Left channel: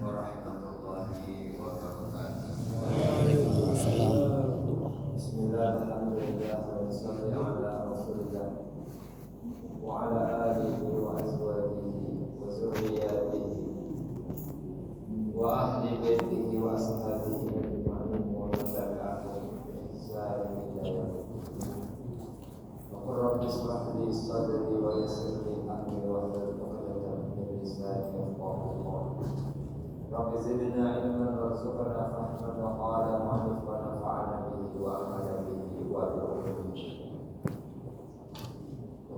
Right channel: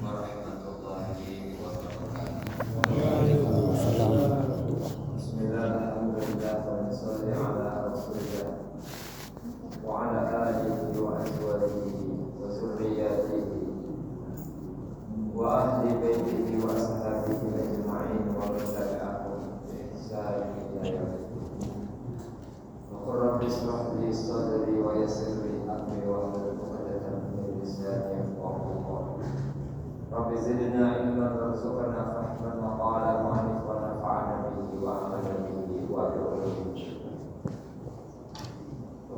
warahmatullahi wabarakatuh. Waalaikumsalam warahmatullahi. Bismillah, alhamdulillah, wa salli ala rasulillah wa ala alihi wa azwajihi wa zurriyatihi wa ahli baitihi wa ashabihi ajma'in wa man tabi'ahum bi ihsan ila yaumil din. Rabbi ishrah li sadri wa yassir li amri wa hlul 'uqdatam min lisani yafqahu qawli. Rabbi zidna ilman warzuqna fahman wa qala ma'rif wa nafa'na bihi wa amala bihi wa bihi.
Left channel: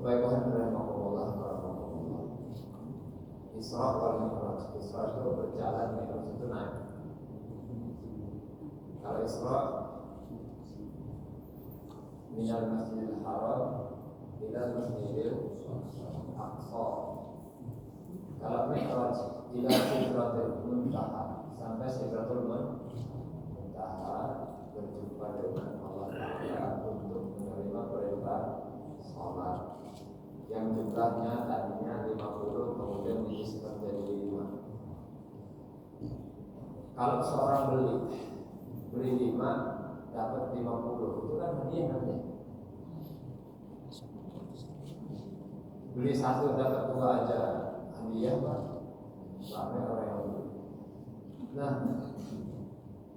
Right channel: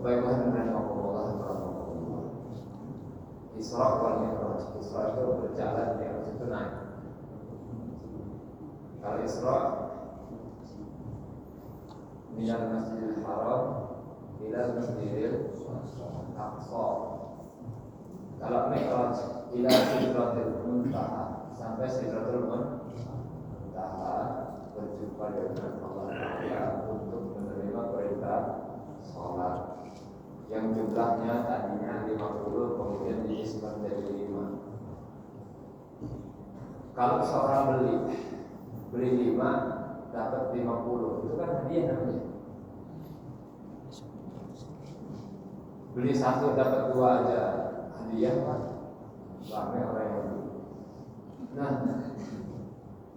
Baiklah dan Allah Isra wal Mi'raj. Isra itu berjalan, Mi'raj itu naik. Kalau Isra minal Masjidil Haram ila Masjidil Aqsa. Kalau Mi'raj ila Sidratil Muntaha, sampai Sidratul Muntaha, berjumpa dengan Allah Ta'ala untuk menerima perintah sholat yang jumlahnya tadinya 50, kemudian diisi menjadi 5. Kalau seorang beli 5 dapat 50, itu kan hadiah namanya. Beli 1 dapat 2 aja hadiah, Pak. Ramai orang yang beli. Nah,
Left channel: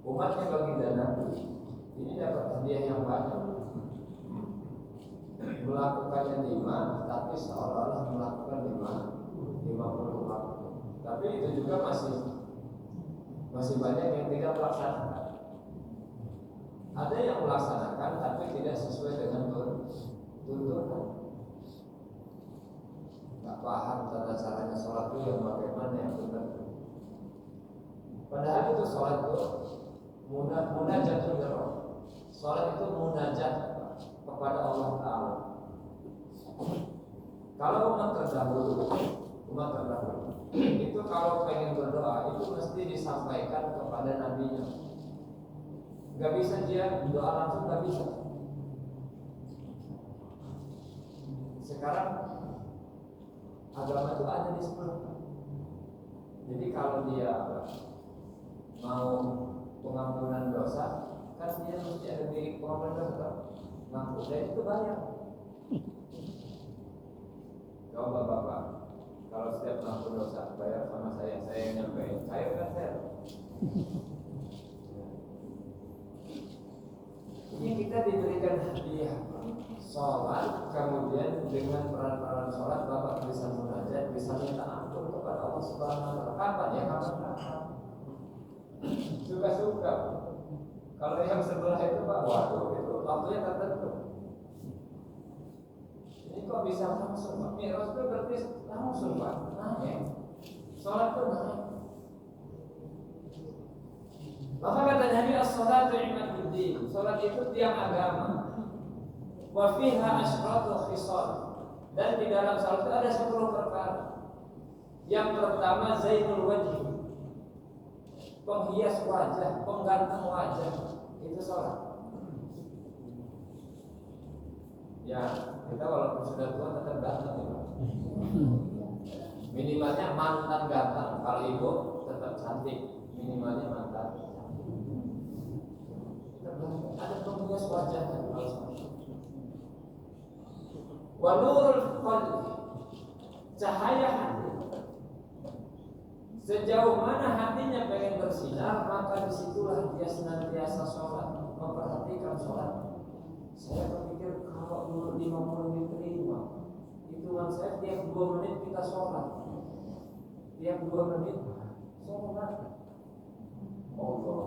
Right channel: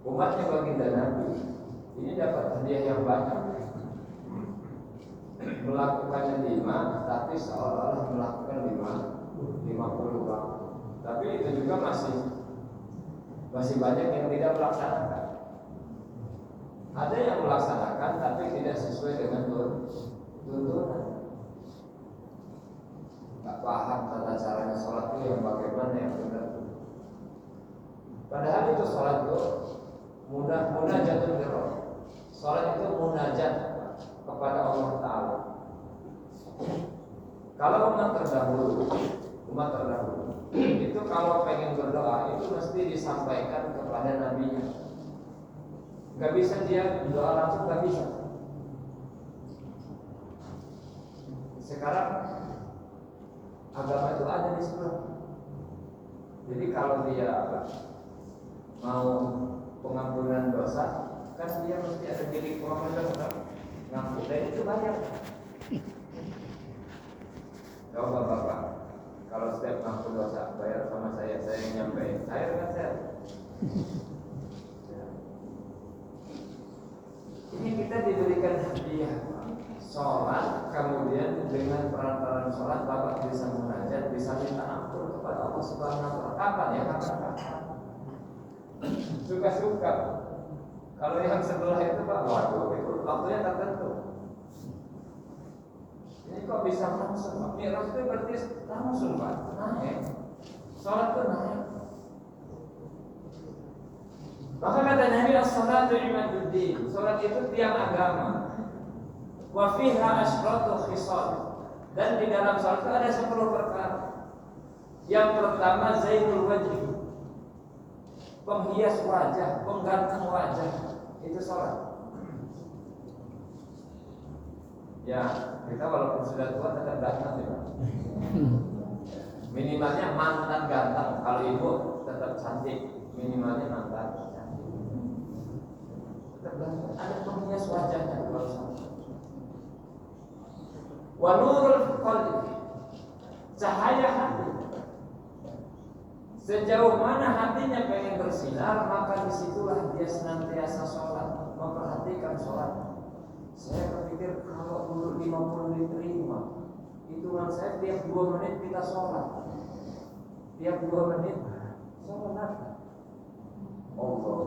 umatnya baginda Nabi ini dapat hadiah yang banyak. Melakukannya 5, tapi seolah-olah melakukan 50 waktu. Tapi itu juga masih banyak yang tidak melaksanakan. Ada yang melaksanakan tapi tidak sesuai dengan tuntunan. Gak paham tata caranya sholat itu yang bagaimana yang benar. Padahal itu sholat itu munajatun birroh. Sholat itu munajat kepada Allah Ta'ala. Kalau umat terdahulu itu kalau pengen berdoa itu mesti disampaikan kepada nabinya. Gak bisa dia doa langsung, gak bisa. Sekarang agama itu ada di sebelah. Jadi kalau dia mau pengampunan dosa, kan dia mesti ada milik profesional ngampun, dan itu banyak. Coba Bapak, kalau setiap ngampun dosa bayar sama saya yang nyampein, saya kan saya. Ini kita diberikan hadiah sholat, kemudian dengan perantaraan sholat Bapak bisa munajat, bisa minta ampun kepada Allah Subhanahu wa Ta'ala. Kapan ya? Kapan? Suka-suka. Kalau yang sebelah itu Pak, waduh, itu waktunya tertentu. Ini kok bisa langsung Pak? Mi'raj itu berarti langsung Pak, naik. Sholat itu naik. Maka kata Nabi as-salatu imaduddin, sholat itu tiang agama. Wa fiha asyratu khisal, dan di dalam sholat itu ada 10 perkara. Yang pertama zainul wajhi, penghias wajah, pengganteng wajah, itu sholat. Ya, kita walaupun sudah tua tetap ganteng ya, minimalnya mantan ganteng. Kalau ibu tetap cantik, minimalnya mantan cantik. Tetap ganteng. Ada penghias wajahnya kalau sholat. Wa nurul qalbi, cahaya hati. Sejauh mana hatinya pengen bersinar, maka disitulah dia senantiasa sholat, memperhatikan sholat. Saya berpikir kalau dulu 50 diterima, hitungan saya tiap 2 menit kita sholat. Tiap 2 menit sholat. Allah.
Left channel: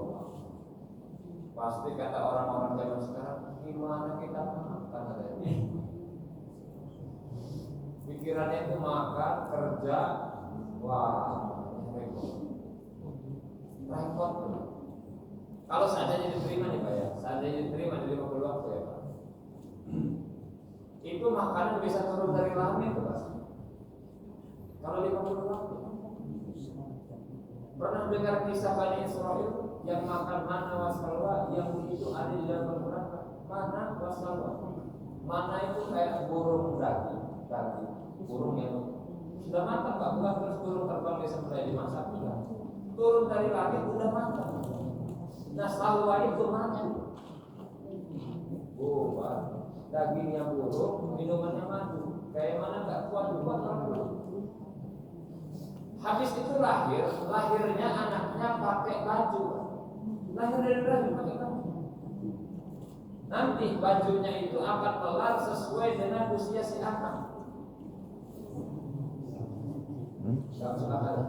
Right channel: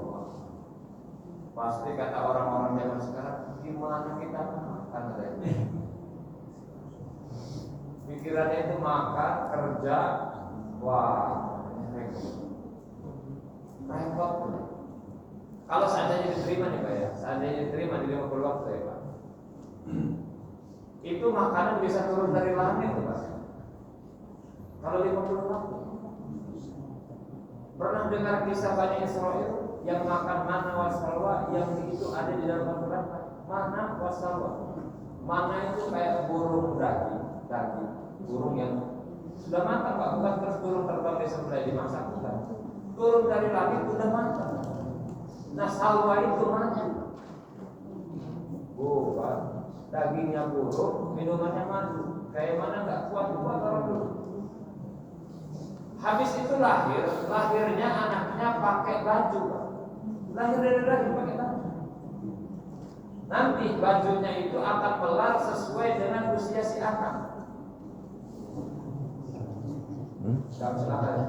Pasti kata orang-orang zaman sekarang, gimana kita makan tadi? Pikirannya itu makan, kerja, wah, repot. Kalau seandainya diterima nih Pak ya, seandainya diterima di 50 waktu ya Pak, itu makanan bisa turun dari langit tuh Pak. Kalau 50 waktu, pernah dengar kisah Bani Israil yang makan mana wasalwa, yang itu ada di dalam Al-Quran? Mana wasalwa. Mana itu kayak burung daging, burung yang sudah matang Pak, bukan terus burung terbang di sebelah dimasak, bukan. turun dari langit udah matang. Nah salwa itu maju. Pak, dagingnya buruk, minumannya maju. Kayak mana nggak kuat-kuat orang dulu. Habis itu lahirnya anaknya pakai baju, Pak. Lahir dari rahim pakai baju. Nanti bajunya itu akan pelar sesuai dengan usia si anak. Kamu silakan ya.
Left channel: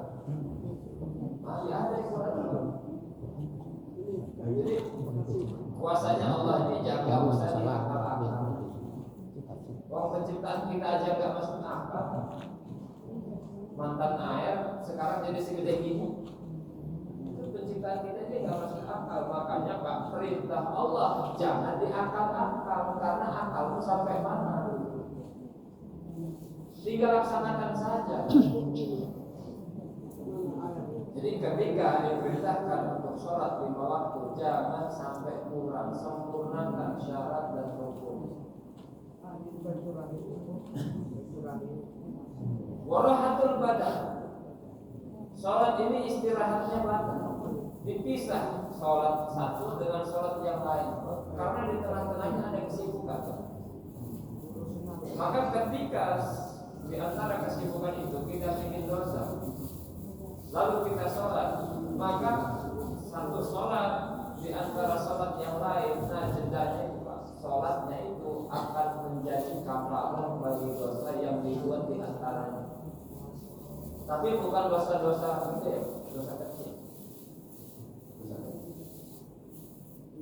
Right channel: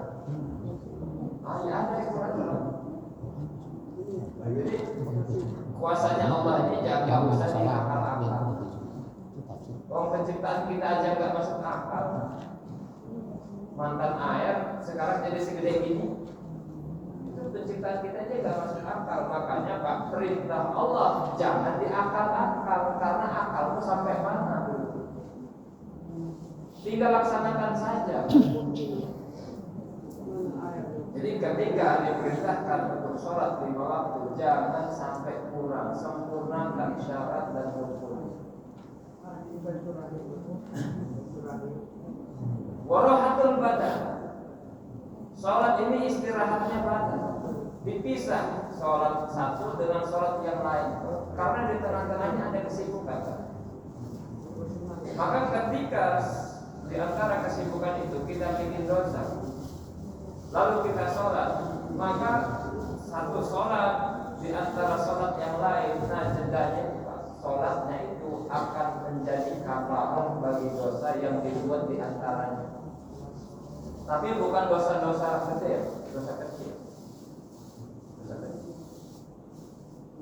Ya ada Quran. Jadi kuasanya Allah ini jangan usah diakal-akal. Penciptaan kita aja nggak masuk akal. Mantan air sekarang jadi segede gini. Itu penciptaan kita aja nggak masuk akal. Makanya Pak, perintah Allah jangan diakal-akal karena akalmu sampai mana? Tinggal laksanakan saja. Jadi ketika diperintahkan untuk sholat 5 waktu, jangan sampai kurang, sempurnakan syarat dan rukun. Warahatul badan. Sholat ini istirahatnya badan. Dipisah sholat satu dengan sholat yang lain, karena di tengah-tengahnya ada kesibukan. Maka ketika di antara kesibukan itu kita bikin dosa, lalu kita sholat, maka satu sholat di antara sholat yang lain, nah jedanya sholatnya itu akan menjadi kafarah bagi dosa yang dibuat di antaranya. Tapi bukan dosa-dosa gede, dosa kecil. Dosa kecil.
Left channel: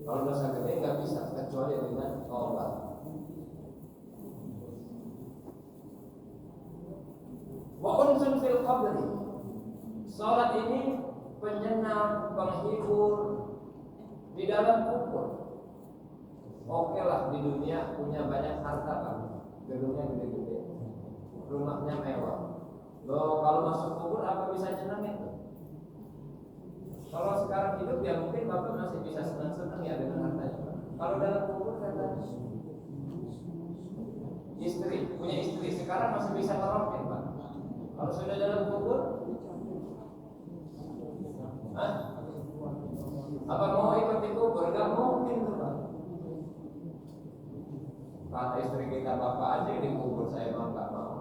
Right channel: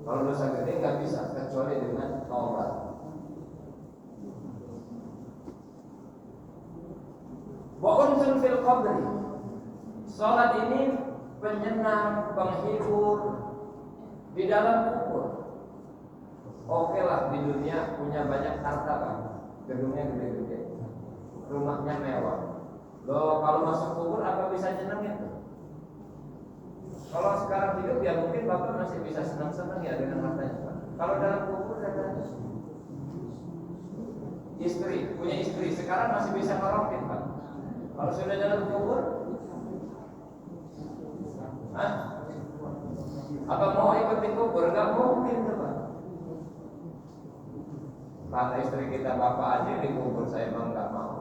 Kalau dosa gede nggak bisa kecuali dengan taubat. Wa unsun fil qabri. Salat ini penyenang, penghibur di dalam kubur. Oke lah di dunia punya banyak harta kan, gedungnya gede-gede, rumahnya mewah. Loh kalau masuk kubur apa bisa nyenengin? Kalau sekarang hidup ya mungkin bapak masih bisa senang-senang ya dengan hartanya. Kalau dalam kubur ada istri, punya istri sekarang masih bisa ngerokin Pak. Kalau sudah dalam kubur, apa mau ikut di kubur? Gak mungkin tuh Pak. Kata istri kita, bapak aja di kubur, saya memang gak mau.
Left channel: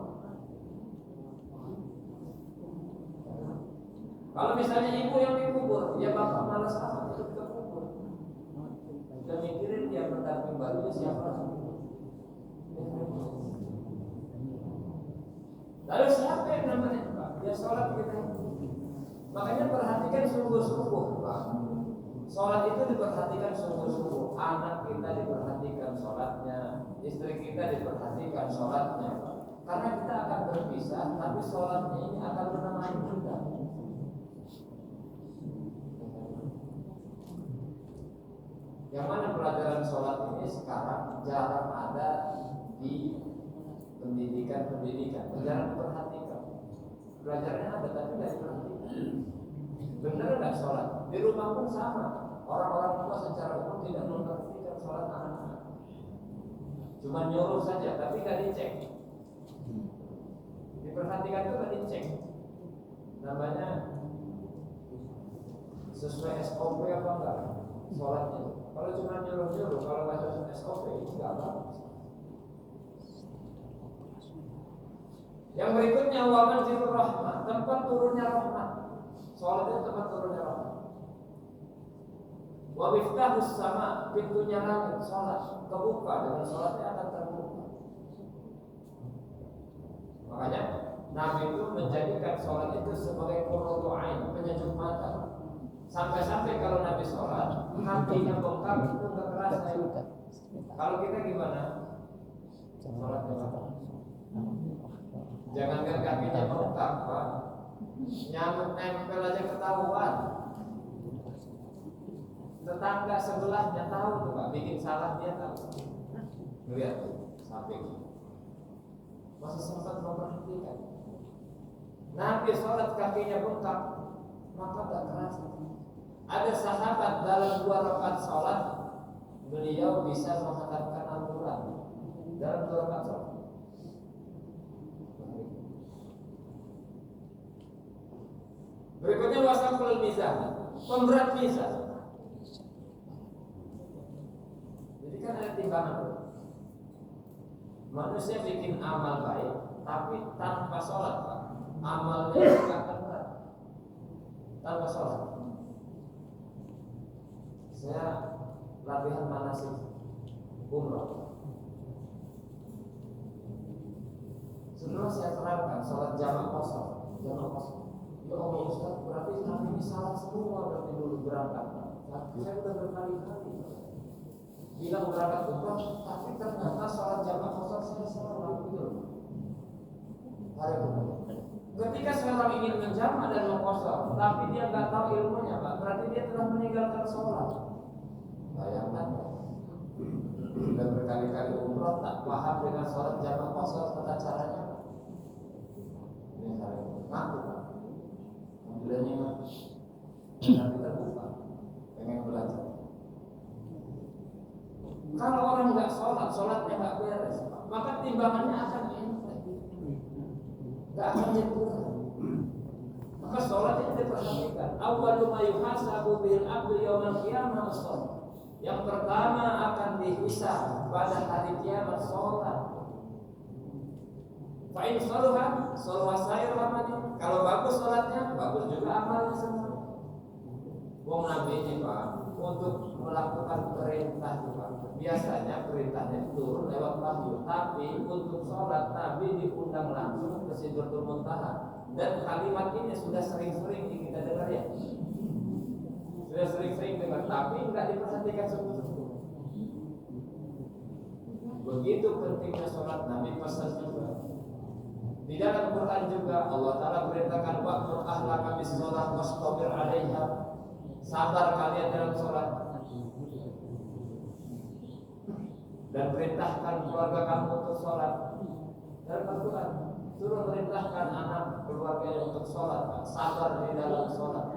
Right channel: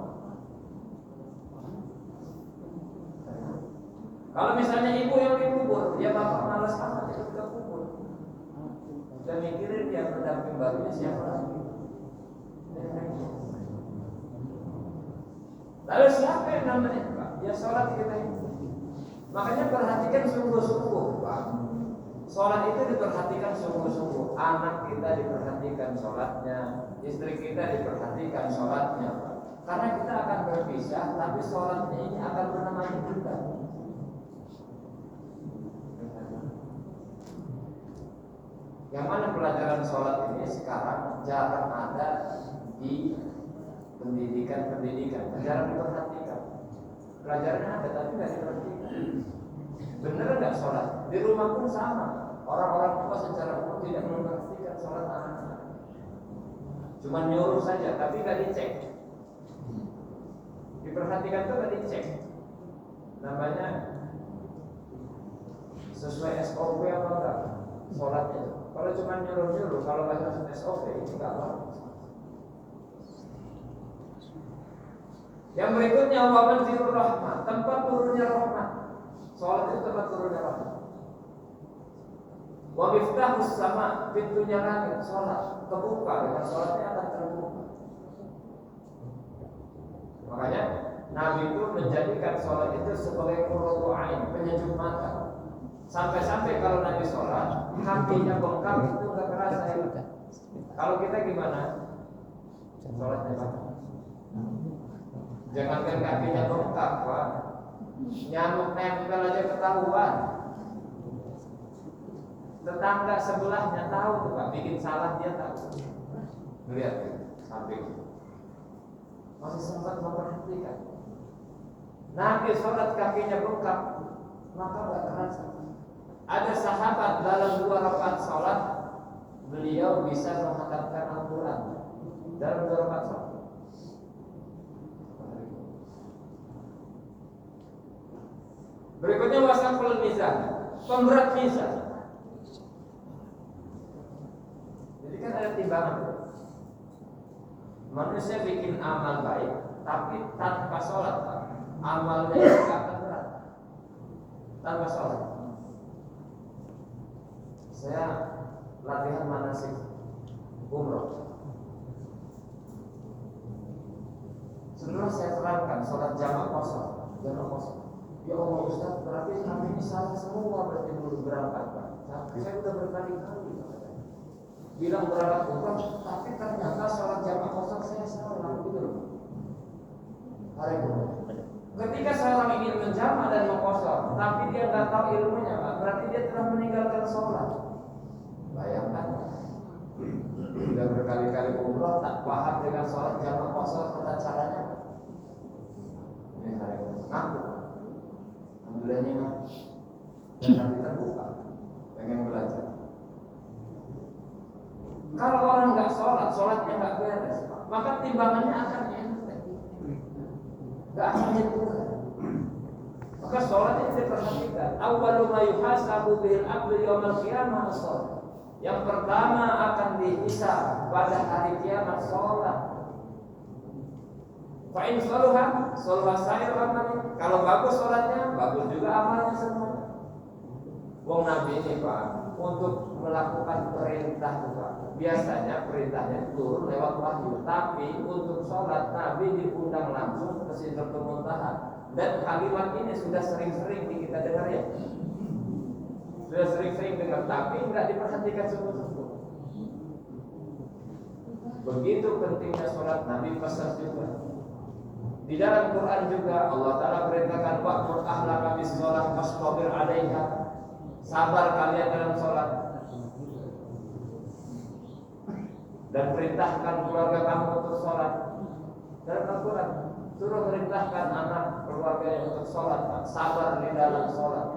Kalau misalnya ibu yang dikubur, ya bapak malas amat ikut ke kubur. Dan mikirin dia pendamping barunya siapa lagi. Lalu siapa yang namanya Pak? Ya sholat kita ini. Makanya perhatikan sungguh-sungguh Pak. Sholat itu diperhatikan sungguh-sungguh. Anak kita diperhatikan sholatnya, istri kita diperhatikan sholatnya Pak. Karena kita akan berpisah, tapi sholatnya ini akan menemani kita. Yang mana pelajaran sholat ini sekarang jarang ada di pendidikan, jarang diperhatikan. Pelajarannya ada tapi nggak diperhatikan. Bener nggak sholat? Di rumah pun sama. Orang-orang tua secara umum tidak memperhatikan sholat anak-anak. Cuma nyuruh saja, tapi nggak dicek. Diperhatikan tuh nggak dicek. Namanya sesuai SOP apa enggak? Sholatnya itu. Kalau cuma nyuruh-nyuruh, kalau nggak sesuai SOP itu nggak bagus. Yang berikutnya waman zirur rahmat, tempat turunnya rahmat. Sholat itu tempat turunnya rahmat. Wa miftahus sama, pintunya langit. Sholat kebuka, dengan sholatnya akan terbuka. Makanya Nabi itu menjadikan sholat itu sebagai qurratu ain, penyejuk mata. Sampai-sampai kalau Nabi sholat, kakinya bengkak itu nggak kerasa ya. Kalau kita gimana? Sholatnya apa? Jangankan kakinya bengkak, Pak. Nyamuk nempel aja ketahuan. Tetangga sebelahnya tahu tuh Pak, bikin salah dia tahu. Lihat samping. Masih sempat memperhatikan. Nabi sholat kakinya bengkak, maka nggak kerasa. Ada sahabat dalam 2 rakaat sholat, beliau bisa menghatamkan Al-Quran dalam 2 rakaat sholat. Berikutnya wasaful mizan, pemberat mizan. Jadi kan ada timbangan. Manusia bikin amal baik, tapi tanpa sholat, amalnya juga akan berat. Tanpa sholat. Saya latihan manasik umroh. Setelah saya terangkan sholat jamaah kosong. Ya Allah Ustaz, berarti kami ini salah semua berarti dulu berangkat. Saya sudah berkali-kali bilang berangkat umroh, tapi ternyata sholat jamaah kosong saya salah gitu. Hari ini, ketika seorang ingin menjamak dan mengkosong, tapi dia nggak tahu ilmunya, Pak, berarti dia telah meninggalkan sholat. Bayangkan, sudah berkali-kali umroh tak paham dengan sholat jamaah kosong tata caranya. Ini hari ini ngaku, alhamdulillahnya dan kita buka, pengen belajar. Kalau orang nggak sholat, sholatnya nggak beres, maka timbangannya akan enak, nggak akan nyentuh. Maka sholat itu diperhatikan. Awwalu ma yuhasabu bihil abdu yaumil qiyamah as-shalah. Yang pertama akan dihisab pada hari kiamat sholat. Fa'in sholuha sair amalnya. Kalau bagus sholatnya, bagus juga amalnya semuanya. Wong Nabi ini Pak, untuk melakukan perintah juga. Biasanya perintahnya turun lewat wahyu, tapi untuk sholat Nabi diundang langsung ke Sidratul Muntaha. Dan kalimat ini sudah sering-sering kita dengar ya. Sudah sering-sering dengar, tapi nggak diperhatikan sungguh-sungguh. Begitu pentingnya sholat, Nabi pesan juga. Di dalam Quran juga Allah Ta'ala perintahkan wa'mur ahlaka bis-sholat wastabir 'alaiha. Sabar kalian dalam sholat. Dan perintahkan keluarga kamu untuk sholat. Dalam Al-Quran suruh perintahkan anak keluarga untuk sholat, sabar di dalam sholat.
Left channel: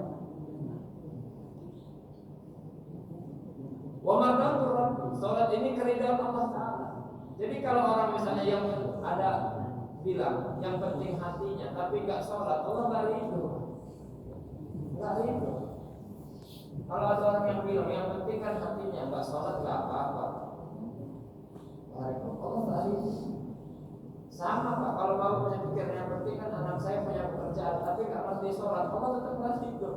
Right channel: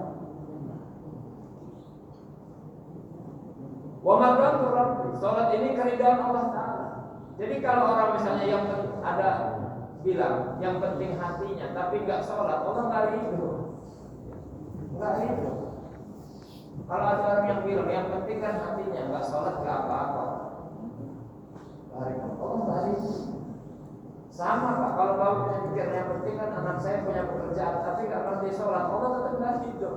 Wa marratu rabbi, sholat ini keridhaan Allah Ta'ala. Jadi kalau orang misalnya yang ada bilang yang penting hatinya tapi nggak sholat, Allah nggak ridho. Nggak ridho. Kalau ada orang yang bilang yang penting kan hatinya, nggak sholat nggak apa-apa, Allah nggak ridho. Sama Pak, kalau kamu punya pikiran yang penting kan anak saya punya pekerjaan tapi nggak ngerti sholat, Allah tetap nggak ridho.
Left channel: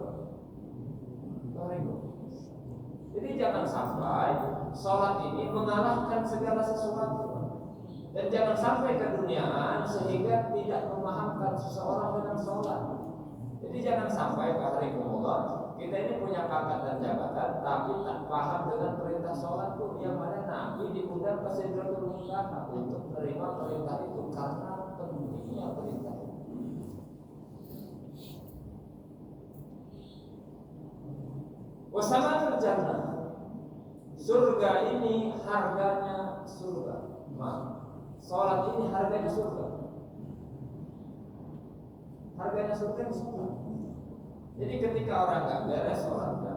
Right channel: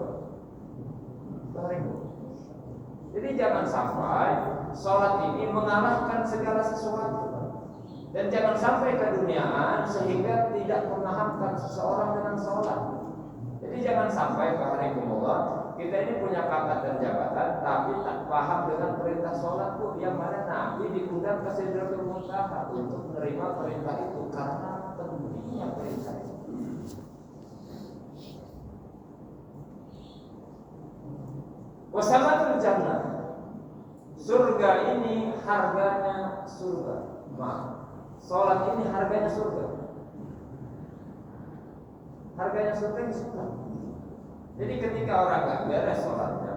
Jadi jangan sampai sholat ini mengalahkan segala sesuatu. Dan jangan sampai keduniaan sehingga tidak memahamkan seseorang dengan sholat. Jadi jangan sampai Baharikumullah kita ini punya pangkat dan jabatan tapi tak paham dengan perintah sholat tuh, yang mana Nabi diundang ke Sidratul Muntaha untuk menerima perintah itu karena pentingnya perintah itu. Wasamatul jannah, surga ini harganya surga. Sholat ini harganya surga. Harganya surga ini surga. Jadi ketika orang nggak beres sholatnya,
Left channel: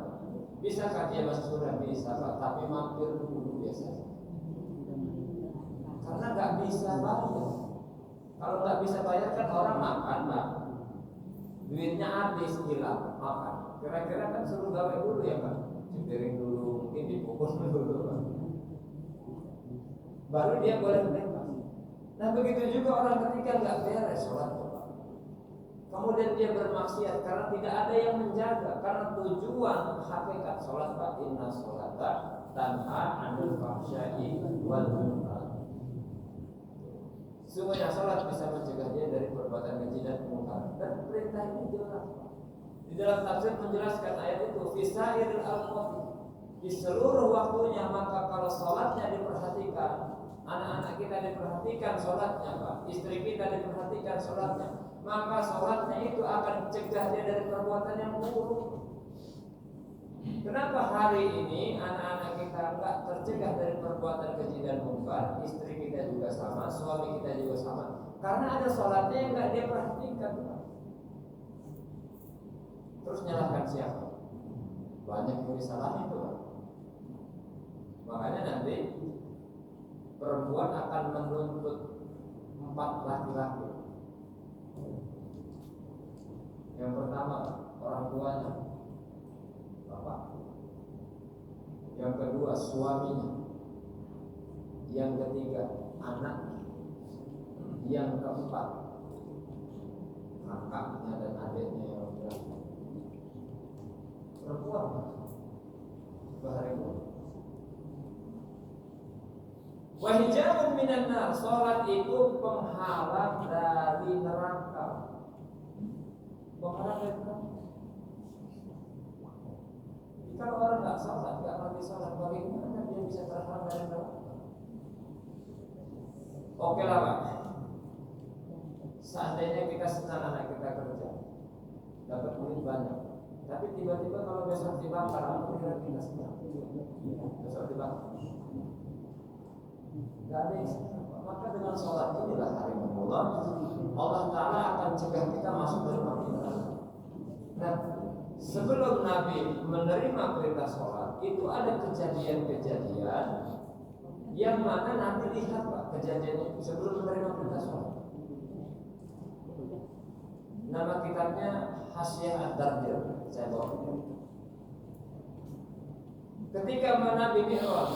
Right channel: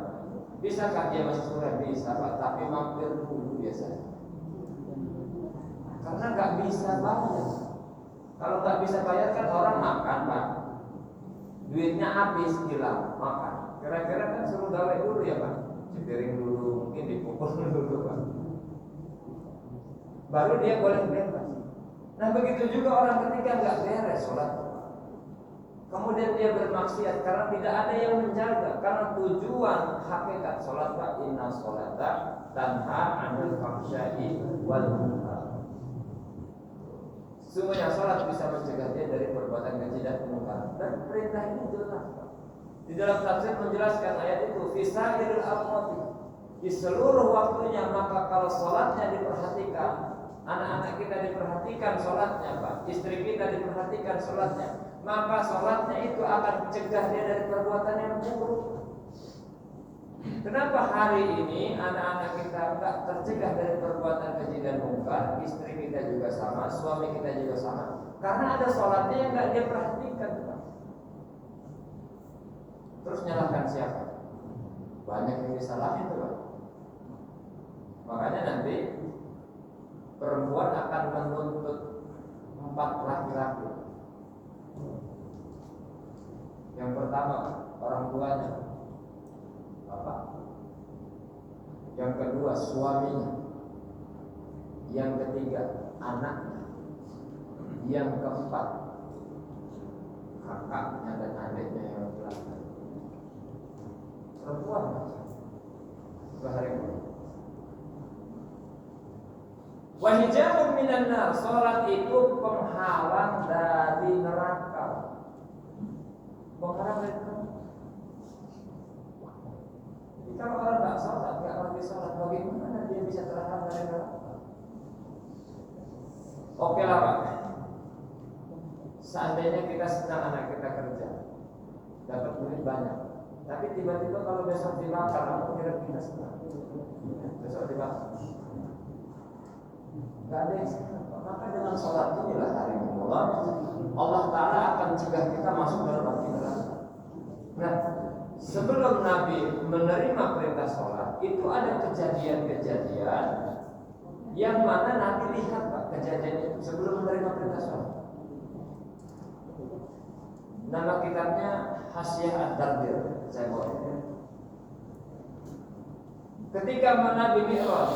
bisakah dia masuk surga? Bisa Pak, tapi mampir dulu biasanya. Karena nggak bisa bayar. Kalau nggak bisa bayar kan orang makan Pak, duitnya habis hilang makan. Kira-kira kan suruh gawe dulu ya Pak, cipiring dulu, mungkin dipukul dulu Pak, baru dia boleh bebas. Nah begitu juga orang ketika nggak beres sholat, kemudian dia bermaksiat karena tidak ada yang menjaga. Karena tujuan hakikat sholat Pak, inna sholata tanha 'anil fahsya'i wal munkar. Sungguhnya sholat bisa mencegah dia dari perbuatan keji dan kemungkaran. Dan perintah ini jelas Pak. Di dalam tafsir menjelaskan ayat itu fisairil al-qati, di seluruh waktunya. Maka kalau sholatnya diperhatikan, anak-anak kita diperhatikan sholatnya Pak, istri kita diperhatikan sholatnya, maka sholatnya itu akan mencegah dia dari perbuatan yang buruk. Kenapa hari ini anak-anak kita enggak tercegah dari perbuatan keji dan mungkar, istri kita juga sama, suami kita juga sama? Karena ada sholatnya yang enggak dia perhatikan Pak. Terus nyalahkan siapa? Banyak yang disalahin tuh Pak. Makanya nanti perempuan akan menuntut 4 laki-laki. Yang pertama orang tuanya, yang kedua suaminya, yang ketiga anaknya, yang keempat kakaknya dan adiknya yang belakang. Perempuan bahari. Wa hijabun minan nar, salat itu penghalang dari neraka. Penghalang dari neraka. Kalau orang nggak sholat, nggak lagi sholat, bagaimana dia bisa terhalang dari neraka? Oke lah Pak, seandainya kita senang anak kita kerja, dapat duit banyak, tapi tiba-tiba kalau besok dibakar, apa kira kita senang? Besok dibakar, nggak ada yang senang. Maka dengan sholat inilah hari Allah Taala akan cegah kita masuk dalam api neraka. Nah, sebelum Nabi menerima perintah sholat, itu ada kejadian-kejadian yang mana Nabi lihat Pak kejadiannya itu sebelum menerima perintah sholat. Nama kitabnya Hasyiah Ad-Dardir, saya bawa. Ketika Nabi Mi'raj,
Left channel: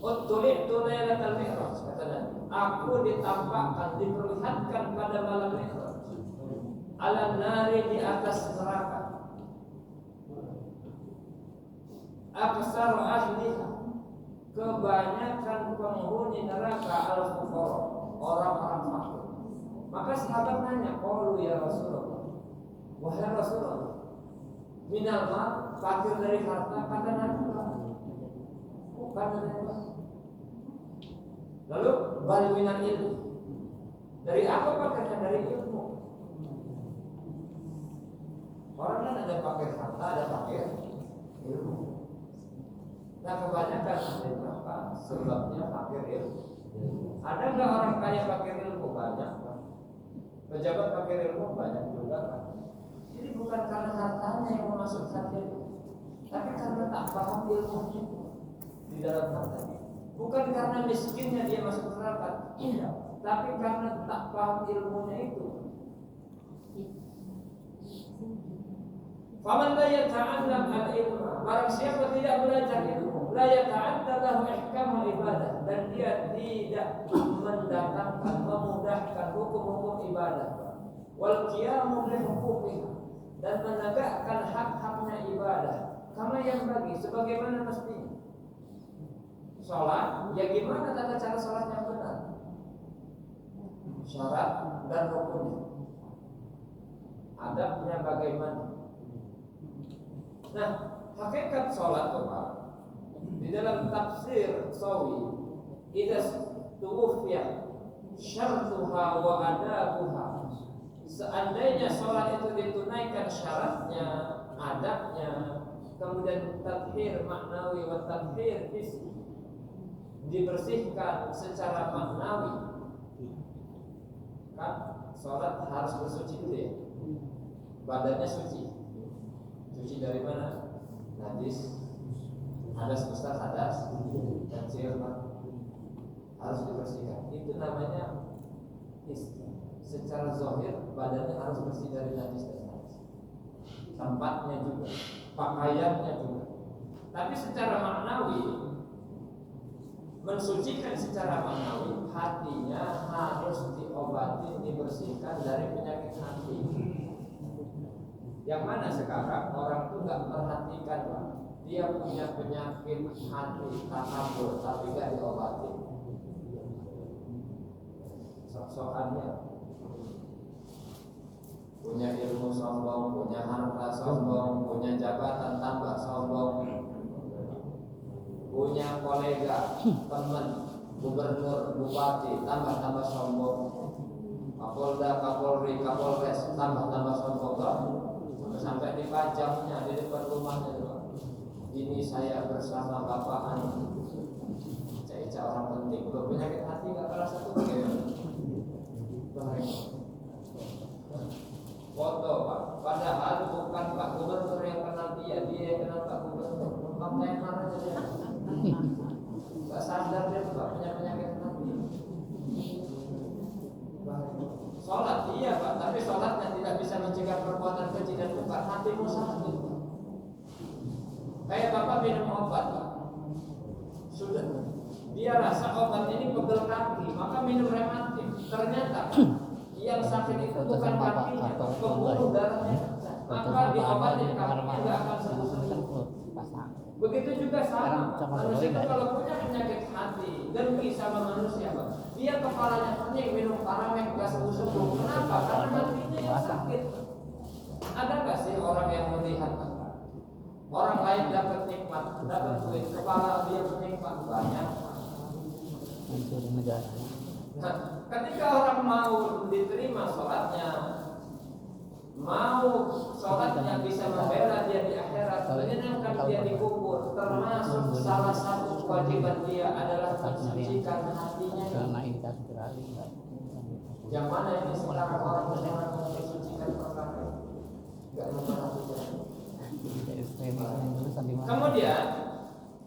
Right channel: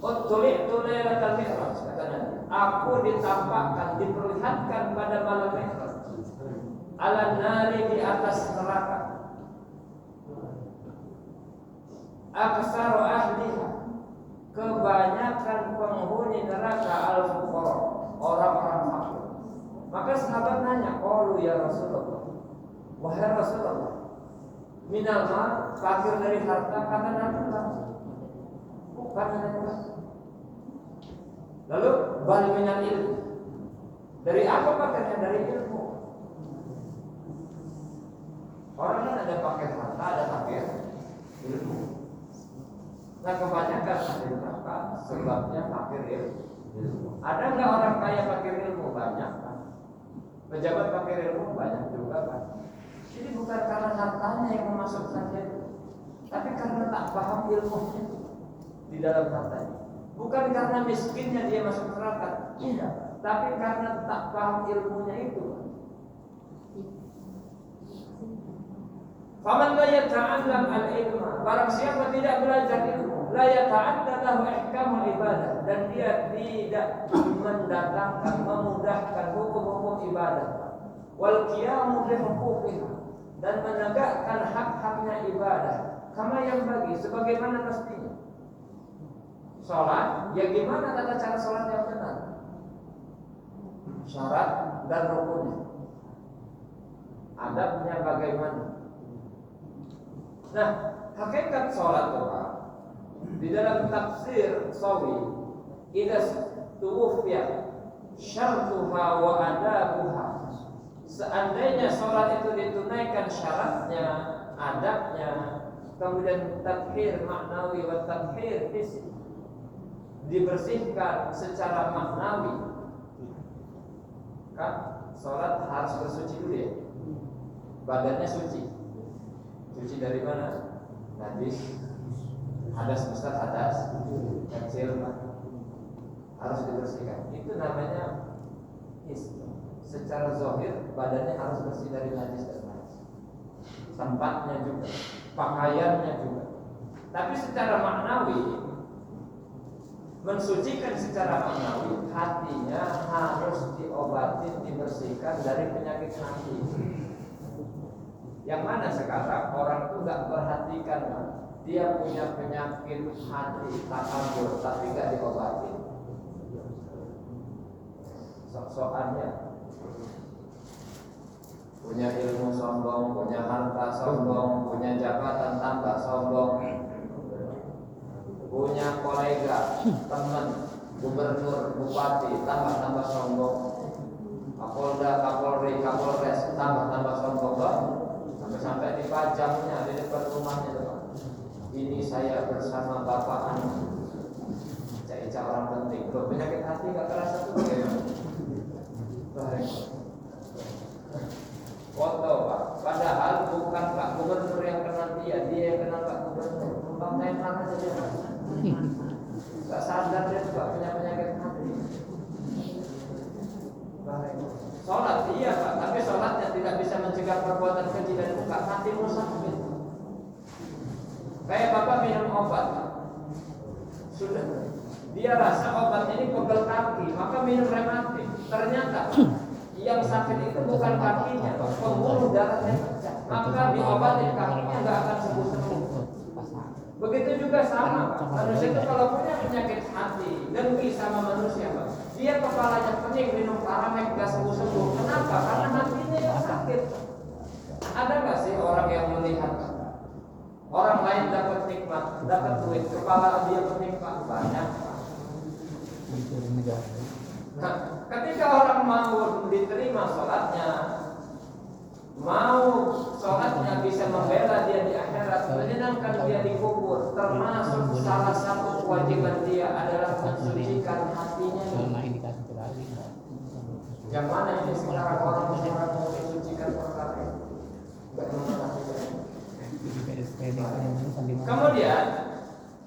"Uttuli'tu lailatal Mi'raj," kata Nabi, aku ditampakkan, diperlihatkan pada malam Mi'raj, ala nari, di atas neraka, aksaru ahliha, kebanyakan penghuni neraka al-fuqara, orang-orang fakir. Maka sahabat nanya, qalu ya Rasulullah, wahai Rasulullah, minal ma, fakir dari harta, kata Nabi, bukan dari harta. Lalu bal minal ilmu, dari apa fakirnya? Dari ilmu. Orang kan ada fakir harta, ada fakir ilmu. Nah kebanyakan ahli neraka sebabnya fakir ilmu. Ada nggak orang kaya fakir ilmu? Banyak kan. Pejabat fakir ilmu banyak juga kan. Jadi bukan karena hartanya yang memasukkan dia, tapi karena tak paham ilmunya di dalam hartanya. Bukan karena miskinnya dia masuk neraka, tidak, tapi karena tak paham ilmunya itu. Faman la yata'allam al-ilma, barang siapa tidak belajar ilmu, la yata'adda lahu ihkamul ibadah, dan dia tidak mendatangkan, memudahkan hukum-hukum ibadah, wal qiyamu bi huquqiha, dan menegakkan hak-haknya ibadah, kama yang bagi, sebagaimana mestinya. Salat, ya gimana tata cara salat yang benar? Syarat dan rukunnya. Adabnya bagaimana? Nah, hakikat sholat Tuhan di dalam tafsir Sawi, idza tuwfiya syartuha wa adabuha, seandainya sholat itu ditunaikan syaratnya, adabnya, kemudian tathhir maknawi wa tathhir hissi, dibersihkan secara maknawi, kan sholat harus bersuci dulu ya, badannya suci. Suci dari mana? Najis, hadas besar, hadas kecil, harus dibersihkan. Itu namanya secara zahir badannya harus bersih dari najis dan najis. Tempatnya juga, pakaiannya juga. Tapi secara maknawi, mensucikan secara maknawi, hatinya harus diobati, dibersihkan dari penyakit hati. Yang mana sekarang orang itu nggak perhatikan, dia punya penyakit hati takabur tapi nggak diobati. Sok-sokannya punya ilmu sombong, punya harta sombong, punya jabatan tambah sombong, punya kolega, teman, gubernur, bupati tambah sombong, kapolda, kapolri, kapolres tambah sombong banget. Sampai dipajangnya di depan rumahnya tuh. Ini saya bersama bapak anu, ica orang penting. Kalau penyakit hati gak terasa tuh bagaimana? Foto Pak, padahal bukan Pak Gubernur yang kenal dia yang kenal Pak Gubernur. Numpang tenar aja dia. Gak sadar dia juga punya penyakit hati. Sholat iya Pak, tapi sholatnya tidak bisa mencegah perbuatan keji dan bukan hatimu sakit. Kayak Bapak minum obat Pak, Sudah. Dia rasa obat ini pegel kaki, maka minum rematik. Ternyata yang sakit itu bukan kakinya, pembuluh darahnya pecah. Maka diobatin kakinya nggak akan sembuh-sembuh. Begitu juga sama, manusia itu kalau punya penyakit hati, dengki sama manusia, dia kepalanya pening, minum Paramek nggak sembuh-sembuh. Kenapa? Karena hatinya yang sakit. Ada nggak sih orang yang melihat orang lain dapat nikmat, dapat duit, kepala dia pening? Banyak. Nah, ketika orang mau diterima sholatnya, mau sholatnya bisa membela dia di akhirat, menyenangkan dia di kubur, termasuk salah satu kewajiban dia adalah mensucikan hatinya. Yang mana ini sekarang orang mau mensucikan perkara? Kemudian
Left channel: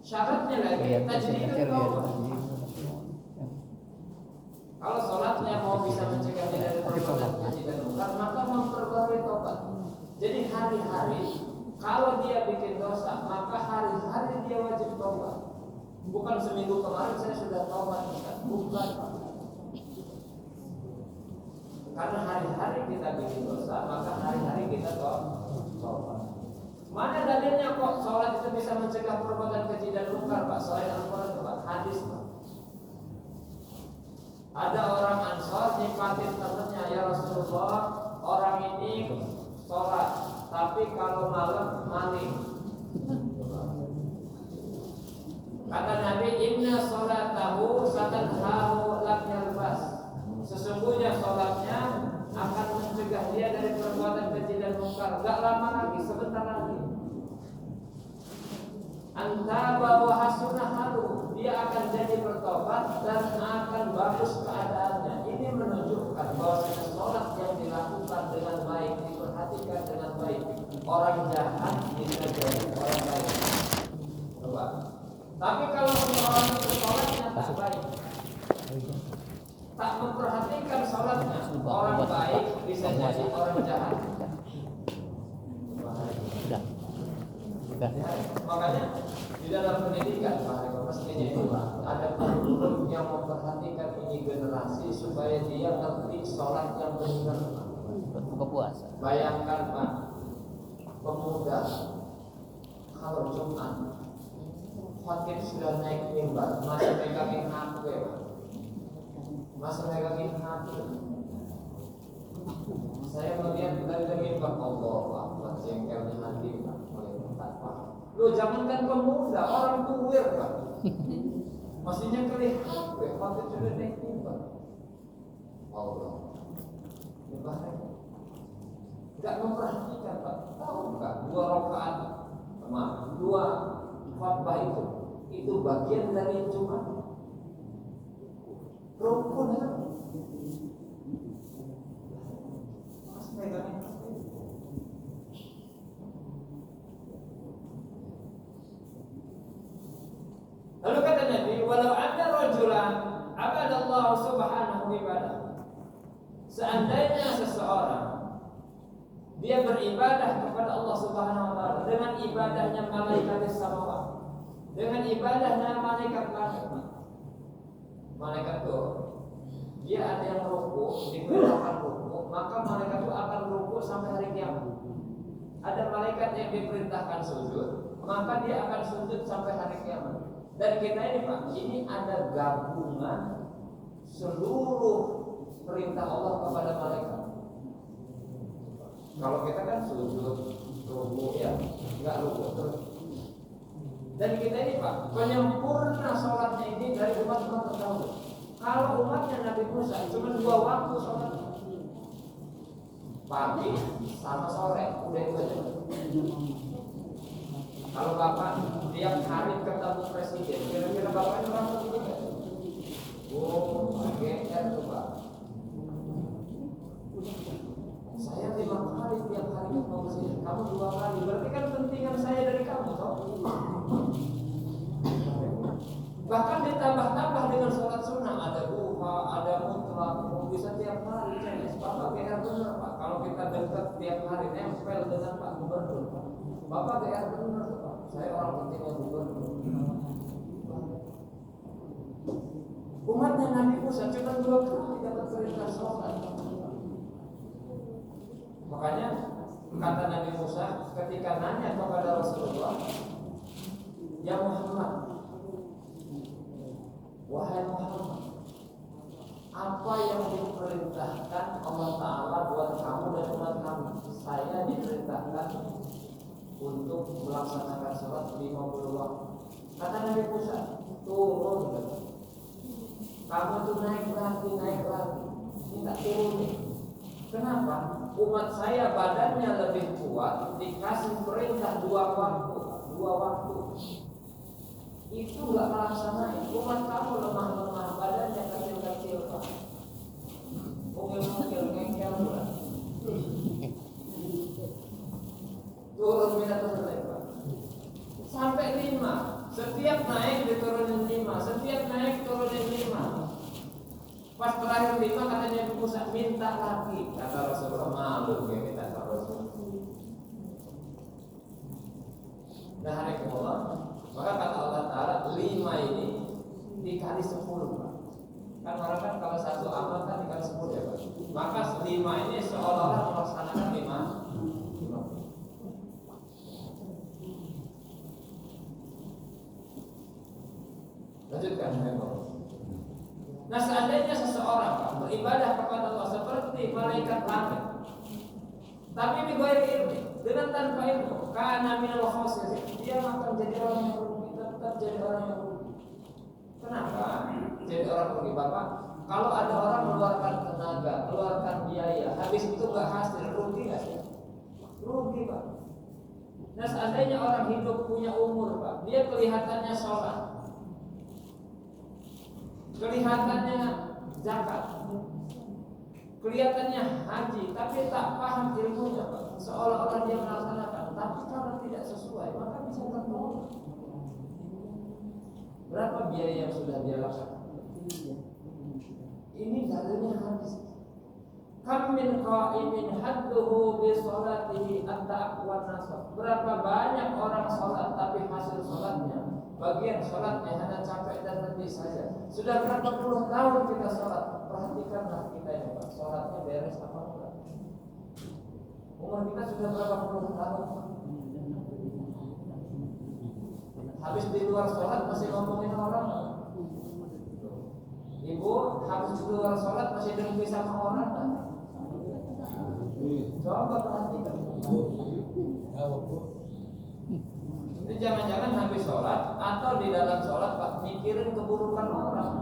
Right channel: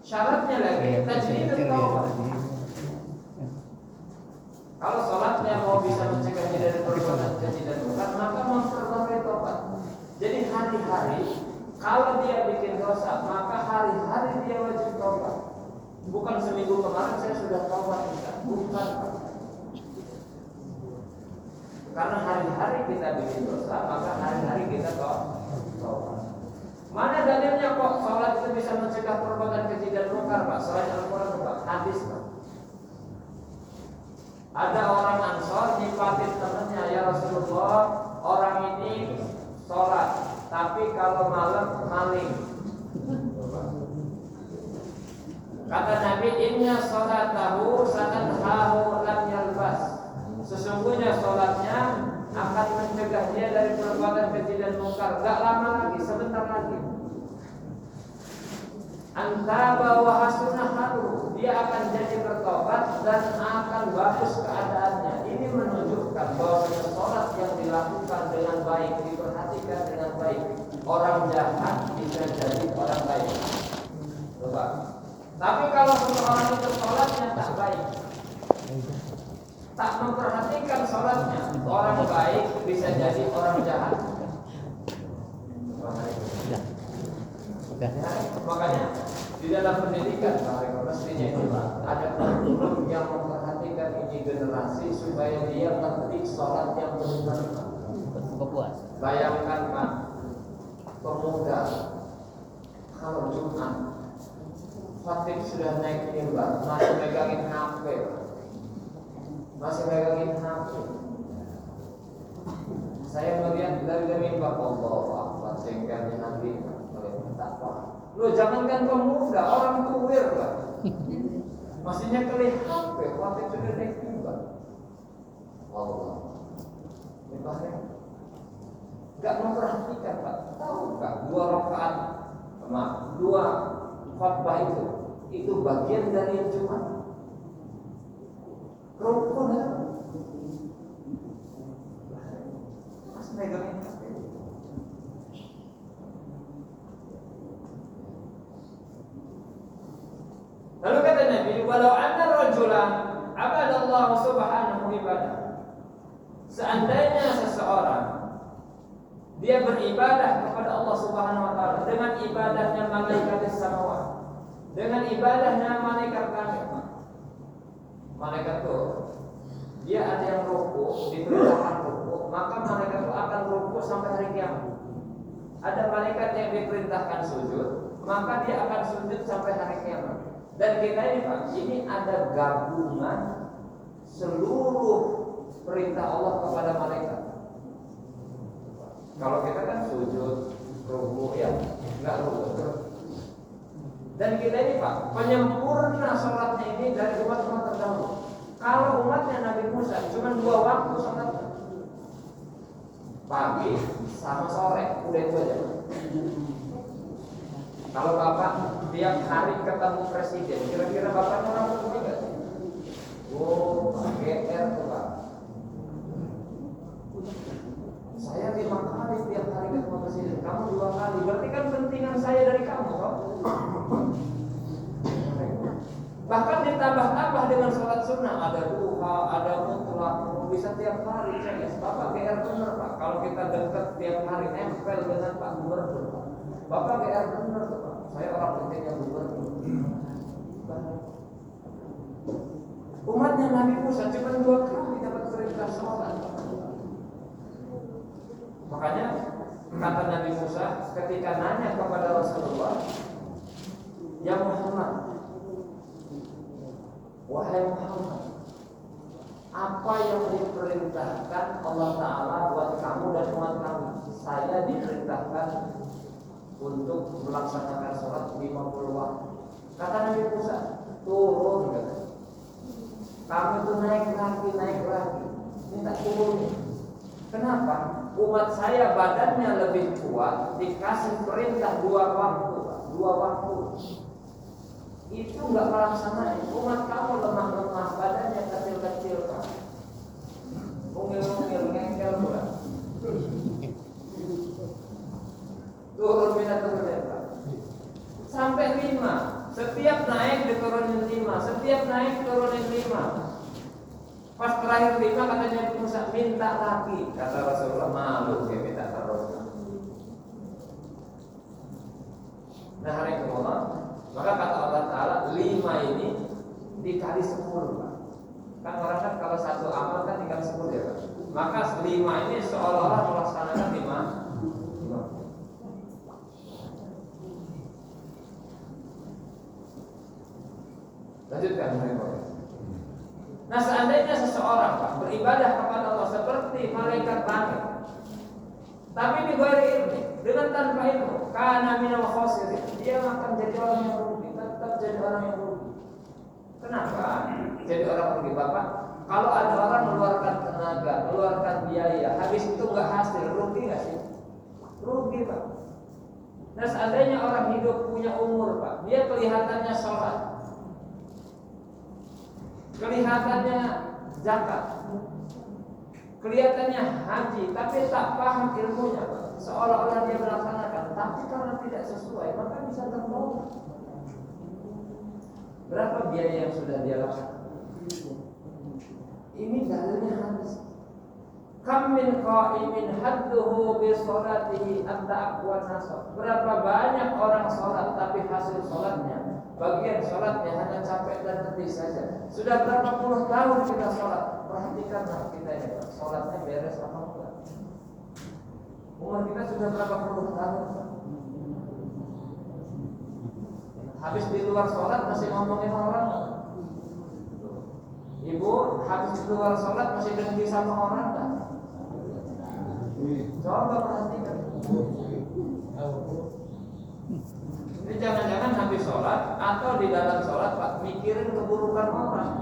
syaratnya lagi tajdidul taubat. Kalau sholatnya mau bisa mencegah dia dari perbuatan keji dan munkar, maka memperbarui tobat. Jadi hari-hari kalau dia bikin dosa, maka hari-hari dia wajib tobat. Bukan seminggu kemarin saya sudah tobat, bukan. Karena hari-hari kita bikin dosa, maka hari-hari kita tobat. Mana dalilnya kok sholat itu bisa mencegah perbuatan keji dan munkar, Pak? Selain Al-Quran, Pak, hadis, Pak. Ada orang Ansor nyimpatin temannya, ya Rasulullah, orang ini sholat, tapi kalau malam maling. Kata Nabi, inna sholatahu satanhahu lam yalbas. Sesungguhnya sholatnya akan mencegah dia dari perbuatan keji dan munkar. Gak lama lagi, sebentar lagi. Antaba wa hasunah halu, dia akan jadi bertobat dan akan bagus keadaannya. Ini menunjukkan bahwa sholat yang dilakukan dengan baik, diperhatikan dengan baik, orang jahat bisa jadi orang baik. Coba. Tapi kalau seseorang itu sholatnya tak baik, tak memperhatikan sholatnya, orang baik bisa jadi orang jahat. Makanya di dalam pendidikan mestinya itu ada guru yang memperhatikan ini generasi supaya dia ngerti sholat yang benar. Buka puasa. Bayangkan Pak, pemuda kalau Jumat khatib sudah naik mimbar, masih megangin HP, masih megangin HP. Saya melihat dari mimbar, Allah Akbar, jengkelnya nanti. Lu jangankan pemuda, orang tua Pak. Maksudnya kelih HP, khatib sudah naik mimbar. Allah. Ibarat enggak memperhatikan Pak. Tahu enggak 2 rakaat dua khutbah itu bagian dari Jumat. Rukun ya. Mas megangin HP. Lalu kata Nabi, walau anna rajulan abadallahu subhanahu ibadah. Seandainya seseorang dia beribadah kepada Allah Subhanahu wa taala dengan ibadahnya malaikat samawat, dengan ibadahnya malaikat langit. Malaikat itu dia ada yang ruku, diperintahkan ruku, maka malaikat itu akan ruku sampai hari kiamat. Ada malaikat yang diperintahkan sujud, maka dia akan sujud sampai hari kiamat. Dan kita ini Pak, ini ada gabungan seluruh perintah Allah kepada malaikat. Kalau kita kan sujud, ruku ya, enggak ruku terus. Dan kita ini Pak, penyempurna sholatnya ini dari umat-umat terdahulu. Kalau umatnya Nabi Musa cuma 2 waktu sholatnya, pagi sama sore, udah itu aja. Kalau Bapak tiap hari ketemu presiden, kira-kira Bapak orang seperti enggak? Oh, GR tuh Pak. Saya 5 kali tiap hari ketemu presiden, kamu 2 kali. Berarti kan pentingan saya dari kamu, toh? Bahkan ditambah-tambah dengan sholat sunnah, ada duha, ada mutlak, bisa tiap hari. Bapak GR bener Pak. Kalau kita dekat tiap hari nempel dengan Pak Gubernur, Bapak GR bener tuh Pak. Saya orang pentingnya Gubernur. Nabi Musa cuma 2 kali dapat perintah sholat. Makanya kata Nabi Musa ketika nanya kepada Rasulullah, ya Muhammad, wahai Muhammad, apa yang diperintahkan Allah Ta'ala buat kamu dan umat kamu? Saya diperintahkan untuk melaksanakan sholat 50 waktu. Kata Nabi Musa, turun kata. Kamu itu naik lagi, minta turun. Kenapa? Umat saya badannya lebih kuat, dikasih perintah 2 waktu, 2 waktu. Itu nggak melaksanakan. Umat kamu lemah-lemah, badannya kecil-kecil, Pak. Mungil-mungil, ngengkel pula. Turun minta turun ya, Pak. Sampai 5. Setiap naik diturunin 5. Setiap naik turunin 5. Pas terakhir 5 katanya Musa minta lagi. Kata Rasulullah, malu dia minta terus. Nah hari kemudian, maka kata Allah Ta'ala 5 ini dikali 10, Pak. Kan orang kan kalau satu amal kan dikali 10 ya, Pak. Maka 5 ini seolah-olah melaksanakan 5. Lanjutkan Nah seandainya seseorang Pak beribadah kepada Allah seperti malaikat langit, tapi di bawah ilmu, dengan tanpa ilmu, karena minal khosirin, dia akan jadi orang yang rugi, tetap jadi orang yang rugi. Kenapa? Jadi orang rugi Bapak. Kalau ada orang mengeluarkan tenaga, mengeluarkan biaya, habis itu nggak hasil, rugi nggak sih? Rugi Pak. Nah seandainya orang hidup punya umur Pak, dia kelihatannya sholat, kelihatannya zakat, kelihatannya haji, tapi tak paham ilmunya, Pak. Seolah-olah dia melaksanakan, tapi karena tidak sesuai, maka bisa tertolak. Berapa biaya yang sudah dia lakukan? Ini dalilnya hadis. Kam min qa'imin hadduhu bi sholatihi at-taqwa nasab. Berapa banyak orang sholat tapi hasil sholatnya, bagian sholatnya hanya capek dan letih saja. Sudah berapa puluh tahun kita sholat, perhatikanlah kita ya Pak, sholatnya beres apa enggak? Umur kita sudah berapa puluh tahun Pak? Habis di luar sholat masih ngomongin orang. Ibu habis di luar sholat masih dengki sama orang kan? Coba perhatikan. Jadi jangan-jangan habis sholat atau di dalam sholat Pak mikirin keburukan orang.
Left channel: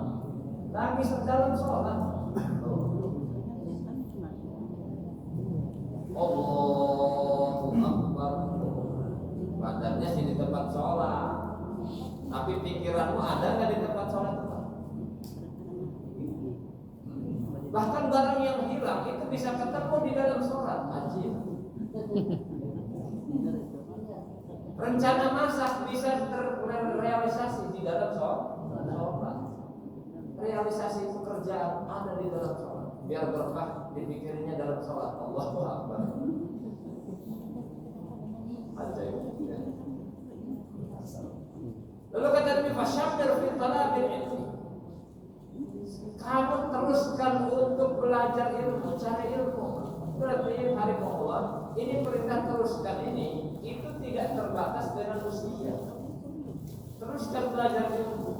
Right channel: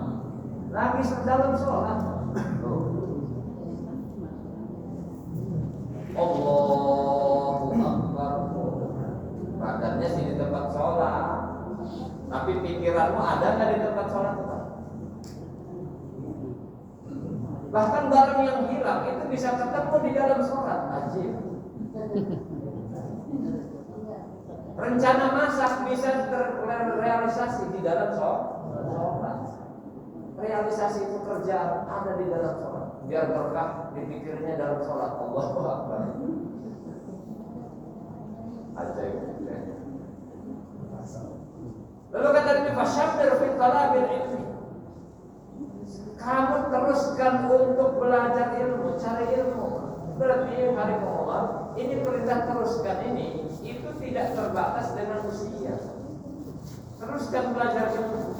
Lagi dalam sholat. Allahu Akbar. Badannya sih di tempat sholat, tapi pikiranmu ada nggak di tempat sholat Pak? Bahkan barang yang hilang itu bisa ketemu di dalam sholat. Ajib. Rencana masak bisa terrealisasi di dalam sholat. Realisasi pekerjaan ada di dalam sholat. Biar berkah dipikirnya dalam sholat. Allahu Akbar. Ajib. Lalu kata Nabi fasyabdir fi talabil ilmi. Kamu teruskan untuk belajar ilmu, cari ilmu. Berarti hari Allah ini perintah teruskan ini itu tidak terbatas dengan usia. Teruskan belajar ilmu.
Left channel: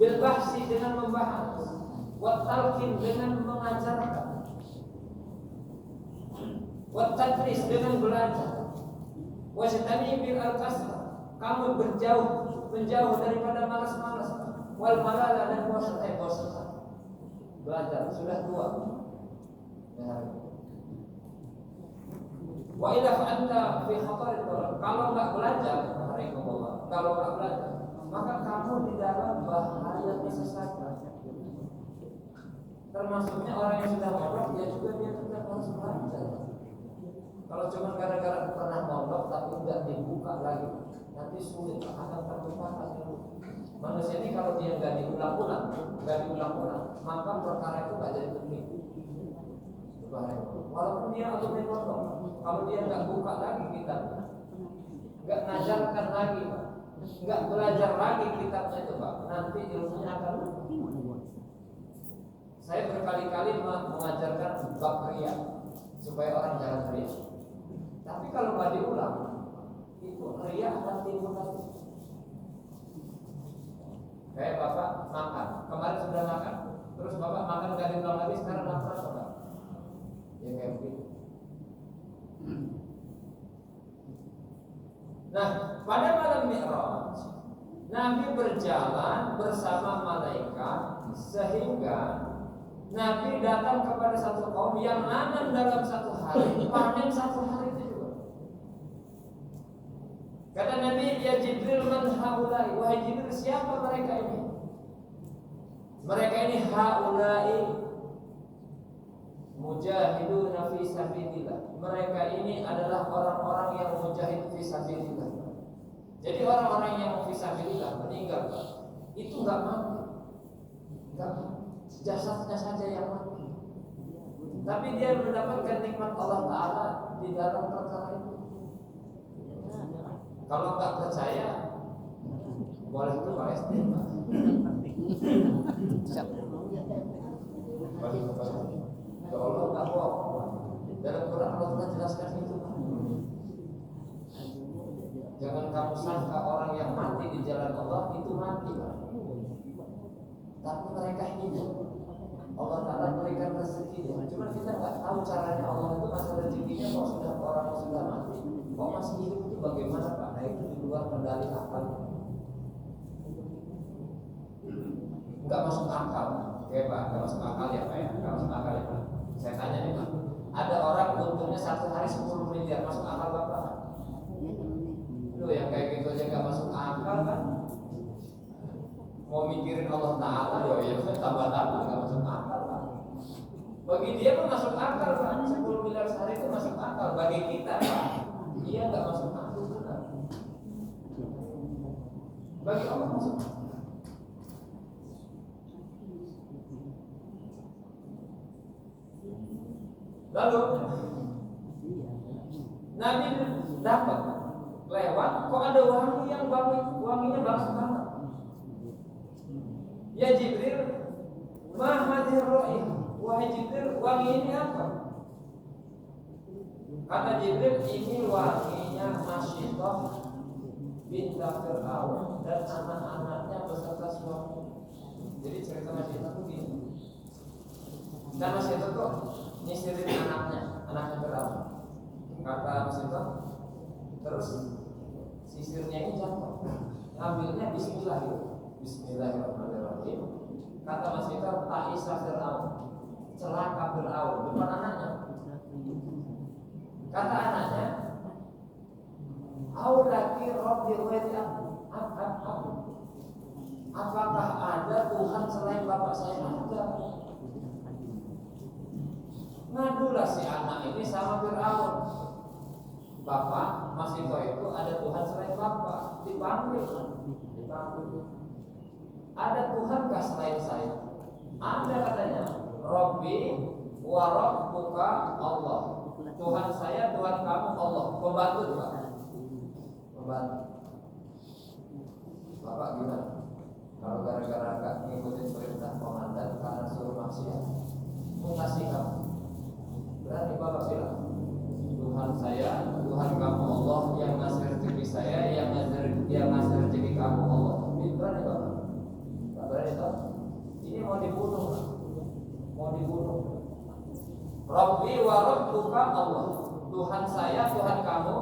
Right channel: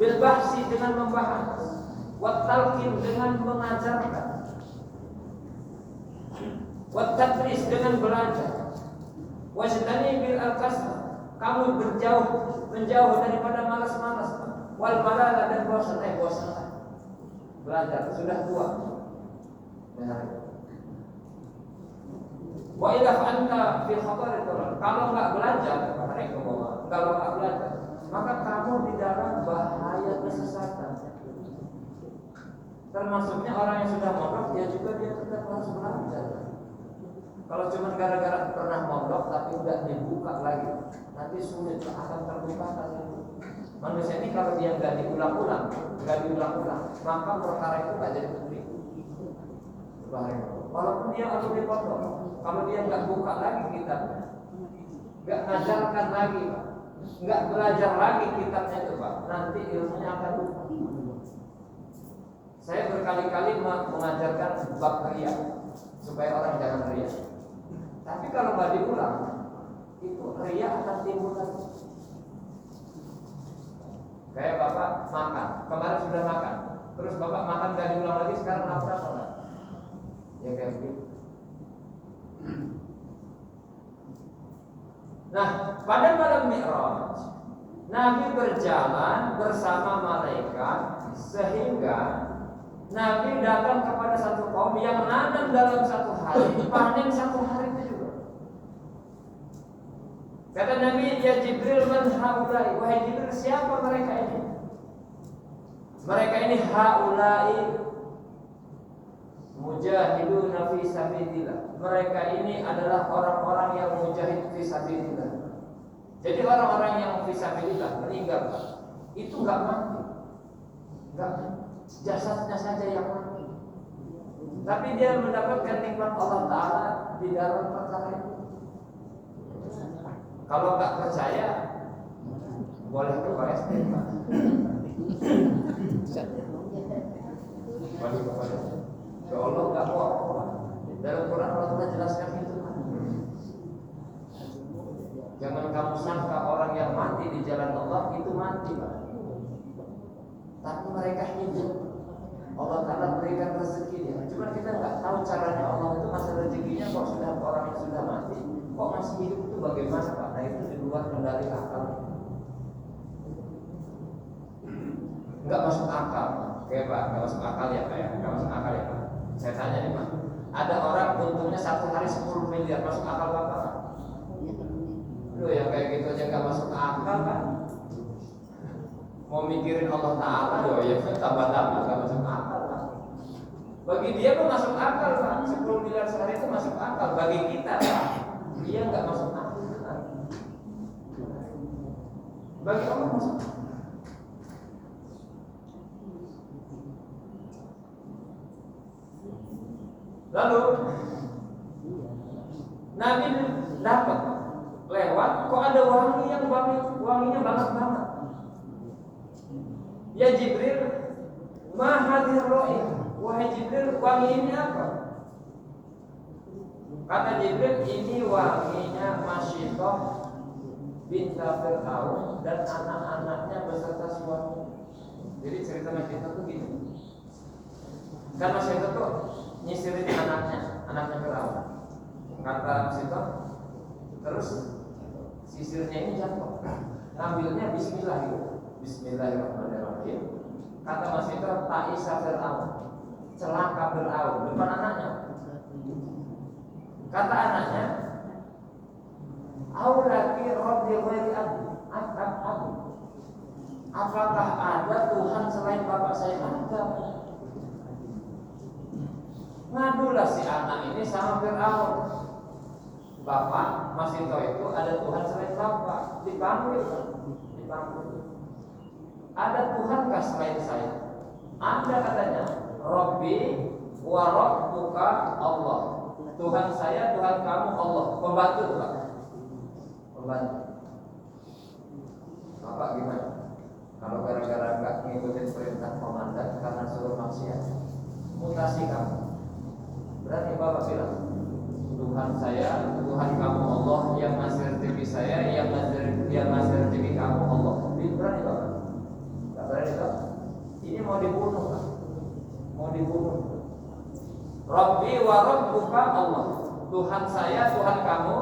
Bil bahsi dengan membahas, wat talqin dengan mengajarkan, wat tadris dengan belajar, wajtani bil al-kasra. Kamu menjauh daripada malas-malas, wal malala dan bosan. Belajar sudah tua. Wa ila anta fi khatar ad-darar. Kalau enggak belajar, kalau enggak belajar, maka kamu di dalam bahaya kesesatan. Termasuknya orang yang sudah mondok, dia tetap harus belajar. Kalau cuma gara-gara pernah mondok tapi enggak dibuka lagi, nanti sulit akan terbuka lagi. Manusia ini kalau dia enggak diulang-ulang, maka perkara itu enggak jadi penting. Walaupun dia harus di pondok, kalau dia enggak buka lagi kita, enggak ngajarkan lagi, nggak belajar lagi kitabnya itu Pak, nanti ilmunya akan lupa. Saya berkali-kali mengajarkan bab riya supaya orang jangan riya. Tapi kalau nggak diulang, itu riya akan timbul lagi. Kayak Bapak makan, kemarin sudah makan, terus Bapak makan nggak diulang lagi, sekarang lapar apa? Ya kayak begitu. Nah, pada malam Mi'raj, Nabi berjalan bersama malaikat sehingga Nabi datang kepada satu kaum yang nanam dalam satu hari, panen satu hari itu juga. Kata Nabi, ya Jibril, man haulai, wahai Jibril, siapa mereka ini? Mereka ini haulai mujahiduna fi sabilillah. Mereka ini adalah orang-orang yang mujahid fi sabilillah. Jadi orang-orang yang fi sabilillah meninggal, itu enggak mati. Enggak mati. Jasadnya saja yang mati. Tapi dia mendapatkan nikmat Allah Ta'ala di dalam perkara itu. Kalau enggak percaya, boleh ke PST, Pak. Boleh ke PST. Ya Allah enggak bohong. Dalam Quran Allah sudah jelaskan itu, Pak. Jangan kamu sangka orang yang mati di jalan Allah itu mati, Pak. Tapi mereka hidup. Allah Ta'ala berikan rezeki dia. Cuma kita nggak tahu caranya Allah itu masa rezekinya kok sudah orang yang sudah mati, kok masih hidup itu bagaimana, Pak? Nah itu di luar kendali akal. Nggak masuk akal. Oke Pak, nggak masuk akal ya Pak ya? Nggak masuk akal ya Pak? Saya tanya nih Pak, ada orang untungnya satu hari 10 miliar, masuk akal Bapak? Loh yang kayak gitu aja nggak masuk akal kan? Mau mikirin Allah Ta'ala, ya tambah-tambah nggak masuk akal Pak. Bagi dia pun masuk akal Pak, 10 miliar sehari itu masuk akal. Bagi kita Pak, dia nggak masuk akal kan? Bagi Allah masuk akal. Lalu Nabi dapat lewat, kok ada wangi yang wanginya banget. Ya Jibril, ma hadhir raih, wahai Jibril, wangi ini apa? Kata Jibril, ini wanginya Masyidah binti Fir'aun dan anak-anaknya beserta suami. Jadi cerita Masyidah itu gini. Kan Masyidah itu nyisirin anaknya Fir'aun. Kata Masyidah, terus sisirnya ini jatuh, ngambilnya Bismillah gitu. Bismillahirrahmanirrahim. Kata Masyidah, ta'isa Fir'aun, celaka Fir'aun depan anaknya. Kata anaknya, aulaki rabbi ghairi abi. Apakah ada Tuhan selain bapak saya? Ada. Ngadulah si anak ini sama Fir'aun. Bapak Masyidah itu ada Tuhan selain bapak. Dipanggil. Ada Tuhankah selain saya? Ada katanya. Rabbi wa rabbuka Allah. Tuhan saya, Tuhan kamu Allah. Pembantu Pak. Pembantu. Bapak gimana? Kalau gara-gara nggak ngikutin perintah komandan karena suruh maksiat, mutasi kamu. Berarti Bapak bilang, Tuhan saya, Tuhan kamu Allah, yang ngasih rezeki saya, yang ngasih rezeki kamu Allah. Berani Bapak? Nggak berani Bapak? Ini mau dibunuh, Pak. Mau dibunuh. Rabbi wa rabbuka Allah. Tuhan saya, Tuhan kamu.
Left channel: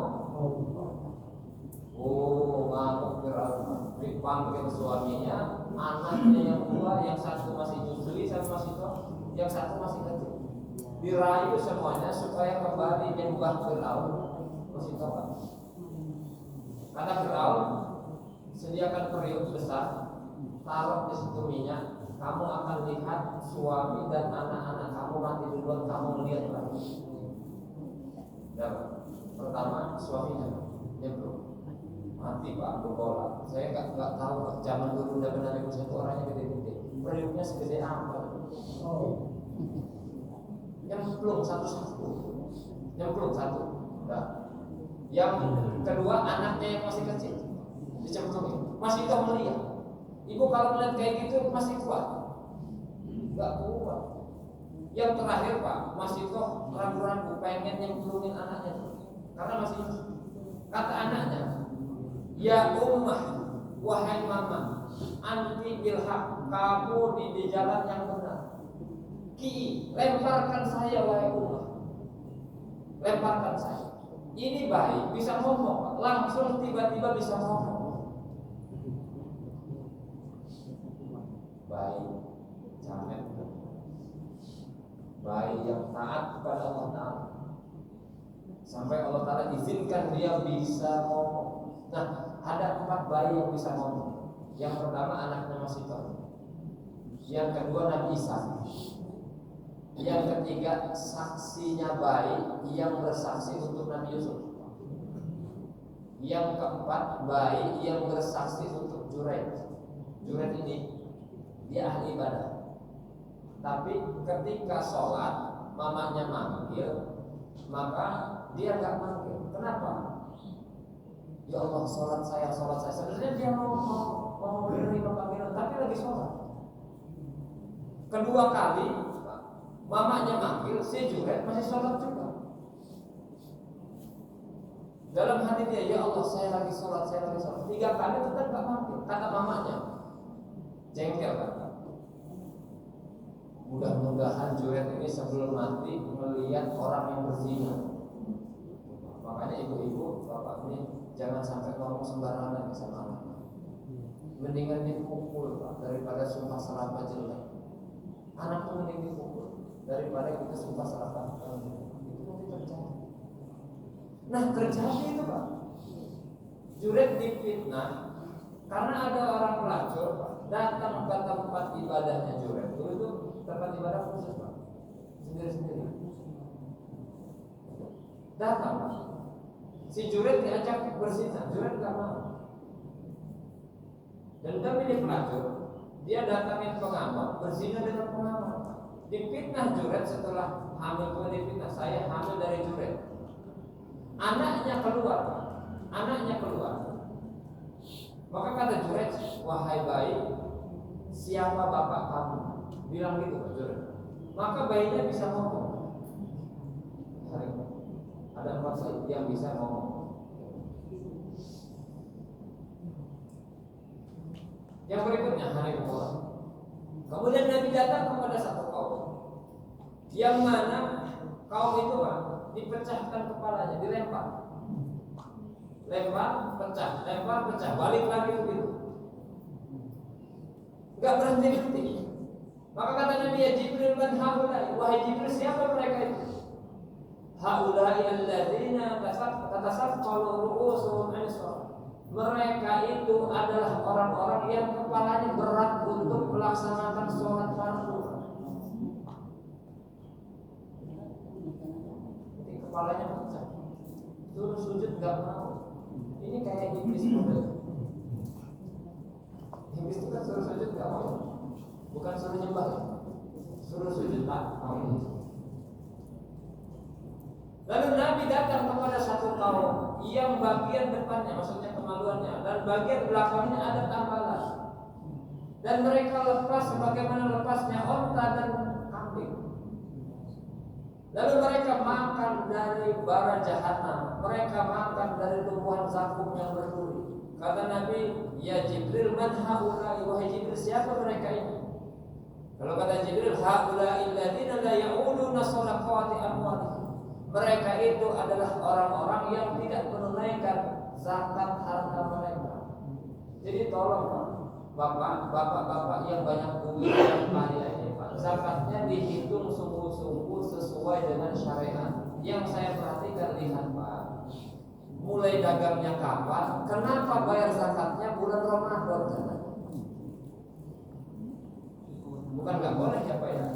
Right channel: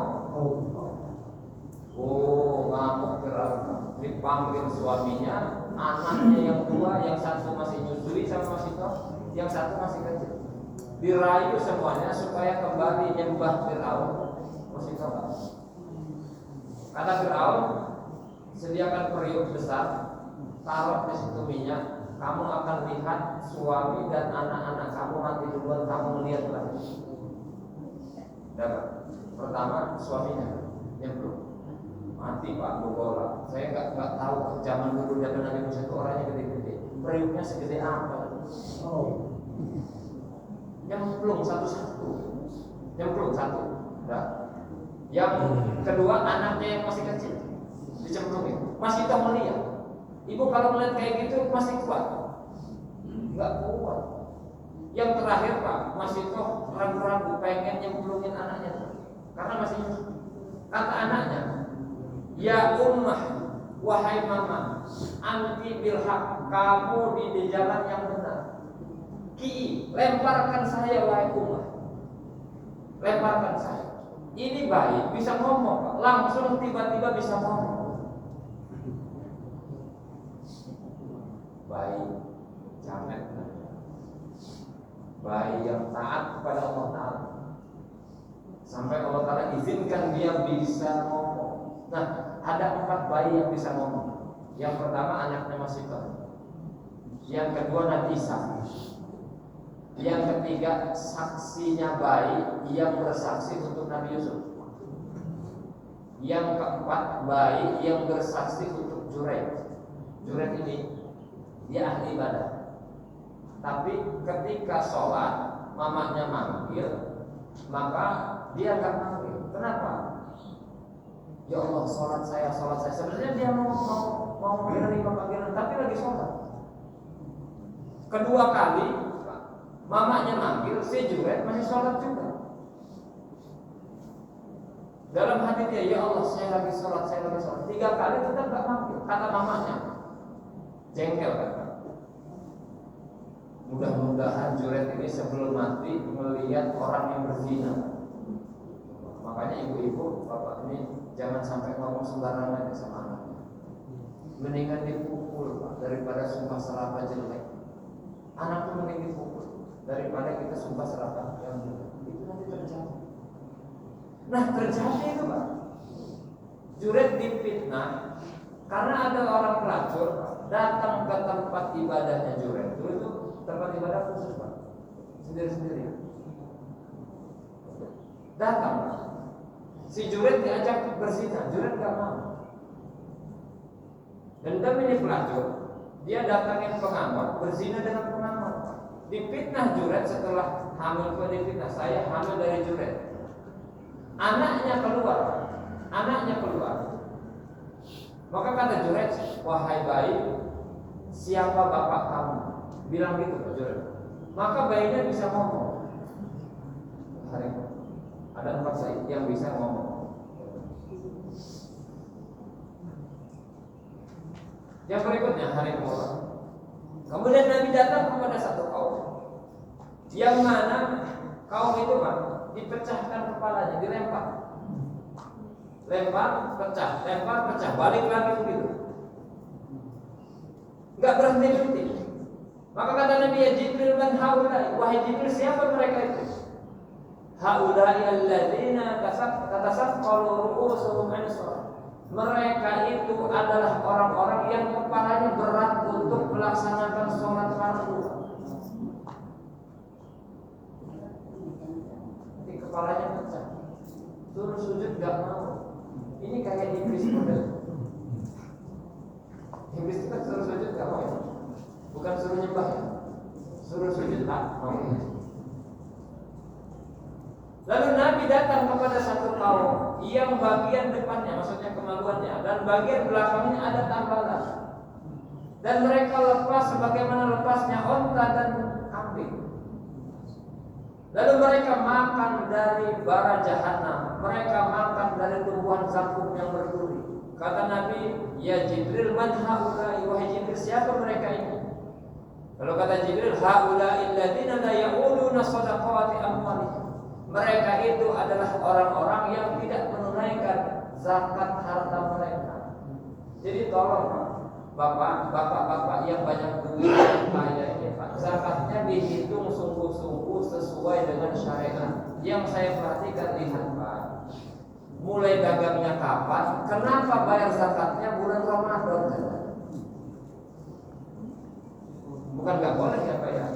Oh, ngamuk Fir'aun. Dipanggil suaminya, anaknya yang dua, yang satu masih nyusui sama masih tua, yang satu masih kecil. Dirayu semuanya supaya kembali nyembah Fir'aun. Masih tua. Kata Fir'aun, sediakan periuk besar, taruh di situ minyak. Kamu akan lihat suami dan anak-anak kamu mati duluan, kamu lihat lagi. Dapat. Pertama suaminya nyemplung. Mati Pak, bola. Saya nggak tahu Pak. Zaman dulu zaman Nabi Musa itu orangnya gede-gede. Periuknya segede apa? Oh. Nyemplung satu-satu. Nyemplung satu. Nah. Yang kedua anaknya yang masih kecil. dicemplungin. Mas itu melihat. Ibu kalau melihat kayak gitu masih kuat? Enggak kuat. Yang terakhir Pak, Mas itu ragu-ragu pengen nyemplungin anaknya karena masih kata anaknya, ya ummah, wahai mama, anti bilhaq, kamu di jalan yang benar. Ki, lemparkan saya wahai ummah, lemparkan saya. Ini bayi bisa ngomong, langsung tiba-tiba bisa ngomong. Bayi jamet, bayi yang taat kepada Allah Ta'ala, sampai Allah Ta'ala izinkan dia bisa ngomong. Nah, ada 4 bayi yang bisa ngomong. Yang pertama anaknya masih kecil, yang kedua Nabi Isa, yang ketiga saksinya bayi yang bersaksi untuk Nabi Yusuf, yang keempat bayi yang bersaksi untuk Juraij. Juraij ini dia ahli ibadah, tapi ketika sholat mamanya manggil, maka dia akan manggil. Kenapa? Ya Allah, sholat saya. Sebenarnya dia mau menerima panggilan, tapi lagi sholat. Kedua kali mamanya manggil, si Juraij masih sholat juga. Dalam hati dia, ya Allah, saya lagi sholat. 3 kali tetap gak manggil. Kata mamanya, jengkel kan? Mudah-mudahan Juraij ini sebelum mati melihat orang yang berzina. Makanya ibu-ibu, bapak ini jangan sampai ngomong sembarangan sama anaknya. Mendingan dipukul Pak, daripada sumpah serapah jelek. Anak tuh mending dipukul daripada kita sumpah serapah yang jelek. Itu nanti terjadi. Nah, terjadi itu Pak. Juraij difitnah karena ada orang pelacur datang ke tempat ibadahnya Juraij. Dulu itu tempat ibadah khusus Pak, sendiri-sendiri. Datang Pak. Si Juraij diajak berzina, Juraij gak mau. Dan kami ini pelacur, dia datangin pengamat, berzina dengan pengamat. Difitnah Juraij setelah hamil, juga difitnah, saya hamil dari Juraij. Anaknya keluar. Maka kata Juraij, wahai bayi, siapa bapak kamu? Bilang gitu ke Juraij. Maka bayinya bisa ngomong. Ada 4 said yang bisa ngomong. Yang berikutnya hari mulai. Kemudian Nabi datang kepada satu kaum, yang mana kaum itu Pak dipecahkan kepalanya, dilempar. Lempar, pecah, balik lagi begitu. Enggak berhenti. Maka kata Nabi, ya Jibril, man haulai, wahai Jibril, siapa mereka itu? Haulai alladzina tatasaqalu ru'usuhum an-shalah. Mereka itu adalah orang-orang yang kepalanya berat untuk melaksanakan sholat fardu. Jadi kepalanya pecah, suruh sujud gak mau. Ini kayak iblis model. Iblis itu kan suruh sujud gak mau, bukan suruh nyembah ya, suruh sujud tak mau. Lalu Nabi datang kepada satu kaum yang bagian depannya, maksudnya kemaluannya, dan bagian belakangnya ada tambalan. Dan mereka lepas sebagaimana lepasnya onta dan kambing. Lalu mereka makan dari bara jahanam, mereka makan dari tumbuhan zakum yang berduri. Kata Nabi, ya Jibril, man haulai, wahai Jibril, siapa mereka ini? Lalu kata Jibril, haulai alladziina la ya'uluna shadaqati amwalihim. Mereka itu adalah orang-orang yang tidak menunaikan zakat harta mereka. Jadi tolong bapak-bapak yang banyak duit yang kaya ini Pak, zakatnya dihitung sungguh-sungguh sesuai dengan syariat. Yang saya perhatikan, lihat Pak, mulai dagangnya kapan, kenapa bayar zakatnya bulan Ramadan? Bukan nggak boleh ya Pak ya.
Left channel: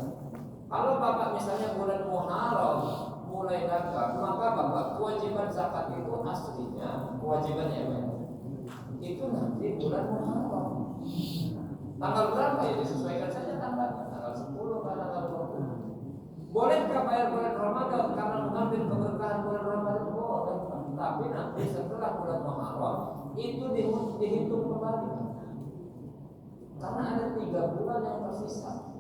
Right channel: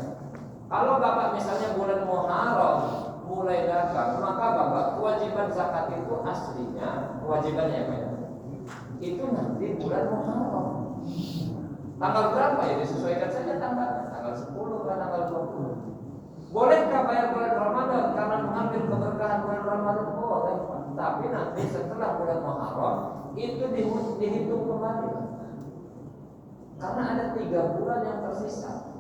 Kalau bapak misalnya bulan Muharram mulai dagang, maka bapak kewajiban zakat itu aslinya kewajibannya Pak ya, itu nanti bulan Muharram. Tanggal berapa ya disesuaikan saja tanggalnya, tanggal 10 atau tanggal 20. Bolehkah bayar bulan Ramadan karena mengambil keberkahan bulan Ramadan? Boleh, tapi nanti setelah bulan Muharram itu dihitung kembali, Pak. Karena ada 3 bulan yang tersisa.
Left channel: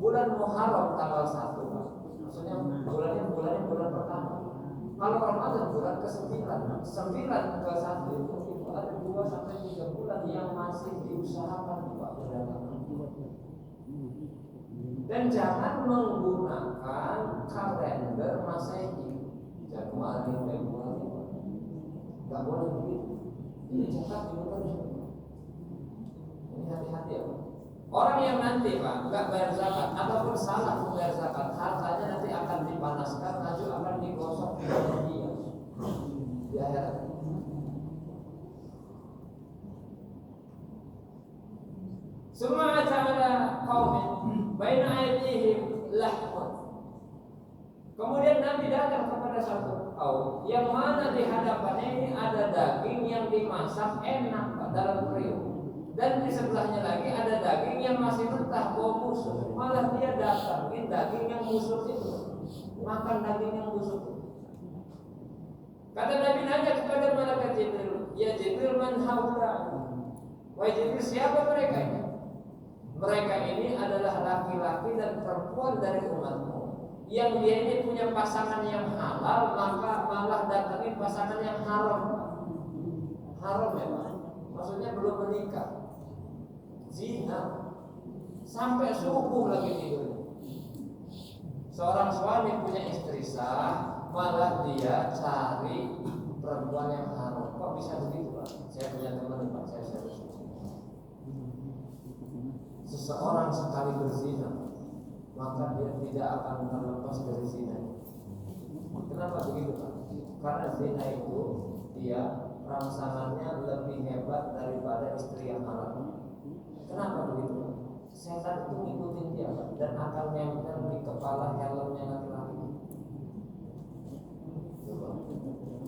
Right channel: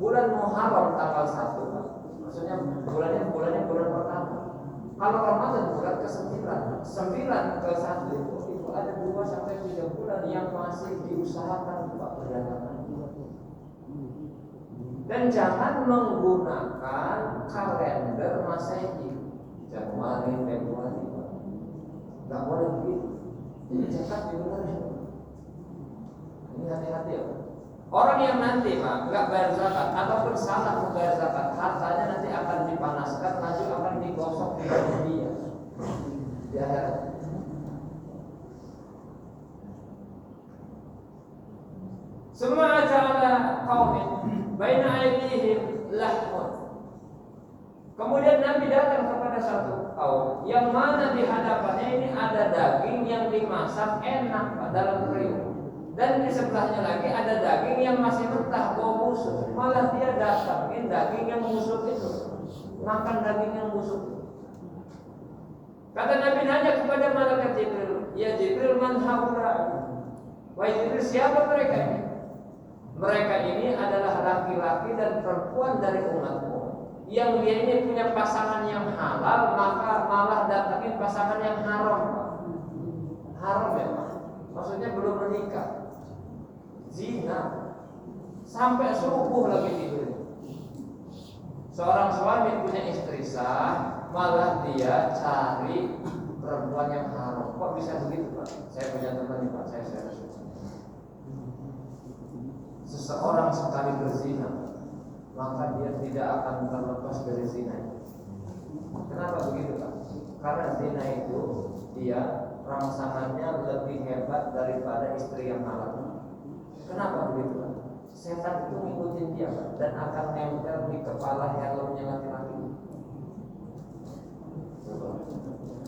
Bulan Muharram tanggal 1, Pak. Maksudnya bulannya bulan pertama. Kalau Ramadan bulan ke-9, 9 ke 1 itu ada 2 sampai 3 bulan yang masih diusahakan Pak perdagangan. Dan jangan menggunakan kalender Masehi Januari, Februari, Pak. Nggak boleh begitu. Ini catat juga. Ini hati-hati ya, Pak. Orang yang nanti Pak nggak bayar zakat atau bersalah membayar zakat, hartanya nanti akan dipanaskan, lalu akan digosok di dunia di akhirat. Semua ja'ala qaumin baina aydihim lahmun. Kemudian Nabi datang kepada satu kaum yang mana di hadapannya ini ada daging yang dimasak enak Pak dalam periuk. Dan di sebelahnya lagi ada daging yang masih mentah bau busuk. Malah dia datangin daging yang busuk itu, makan daging yang busuk. Kata Nabi nanya kepada malaikat Jibril, ya Jibril, man haula? Wahai Jibril, siapa mereka ini? Mereka ini adalah laki-laki dan perempuan dari umatmu yang dia ini punya pasangan yang halal, maka malah datangin pasangan yang haram. Haram ya, maksudnya belum menikah. Zina sampai subuh lagi tidur. Seorang suami punya istri sah, malah dia cari perempuan yang haram. Kok bisa begitu, Pak? Saya punya teman nih, Pak. Saya serius. Seseorang sekali berzina, maka dia tidak akan terlepas dari zina. Kenapa begitu, Pak? Karena zina itu dia rangsangannya lebih hebat daripada istri yang halal. Kenapa begitu, Pak? Setan itu ngikutin dia, Pak, dan akan nempel di kepala helmnya laki-laki.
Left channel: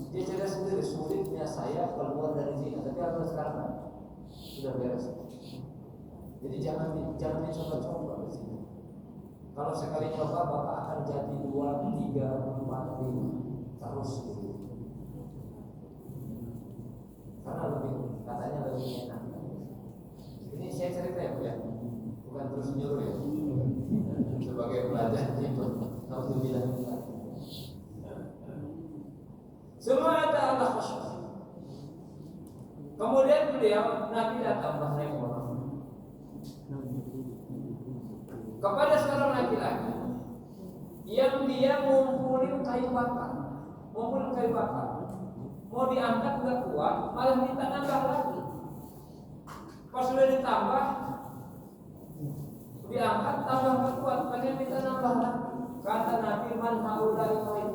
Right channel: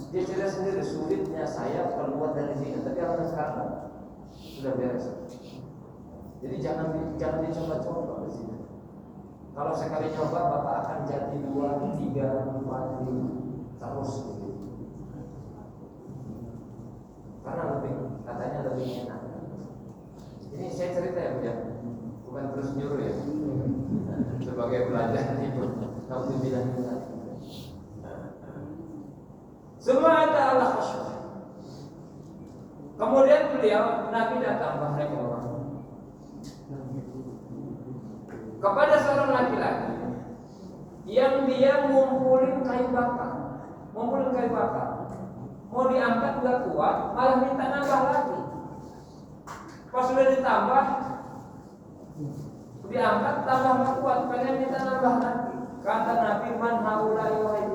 Dia cerita sendiri, sulitnya saya keluar dari zina, tapi apa sekarang sudah beres. Jadi jangan dicoba-coba di sini. Kalau sekali coba Bapak akan jadi 2, 3, 4 terus begitu. Karena katanya lebih enak. Ini saya cerita ya Bu ya, bukan terus nyuruh ya. Sebagai belajar hidup, kalau dibilang tadi. Semua ada Allah khusyuk. Kemudian beliau Nabi datang bahwa kepada seorang laki-laki yang dia ngumpulin kayu bakar, mau diangkat nggak kuat, malah minta nambah lagi. Pas sudah ditambah, diangkat tambah nggak kuat, pengen minta nambah lagi. Kata Nabi, man haulai wahai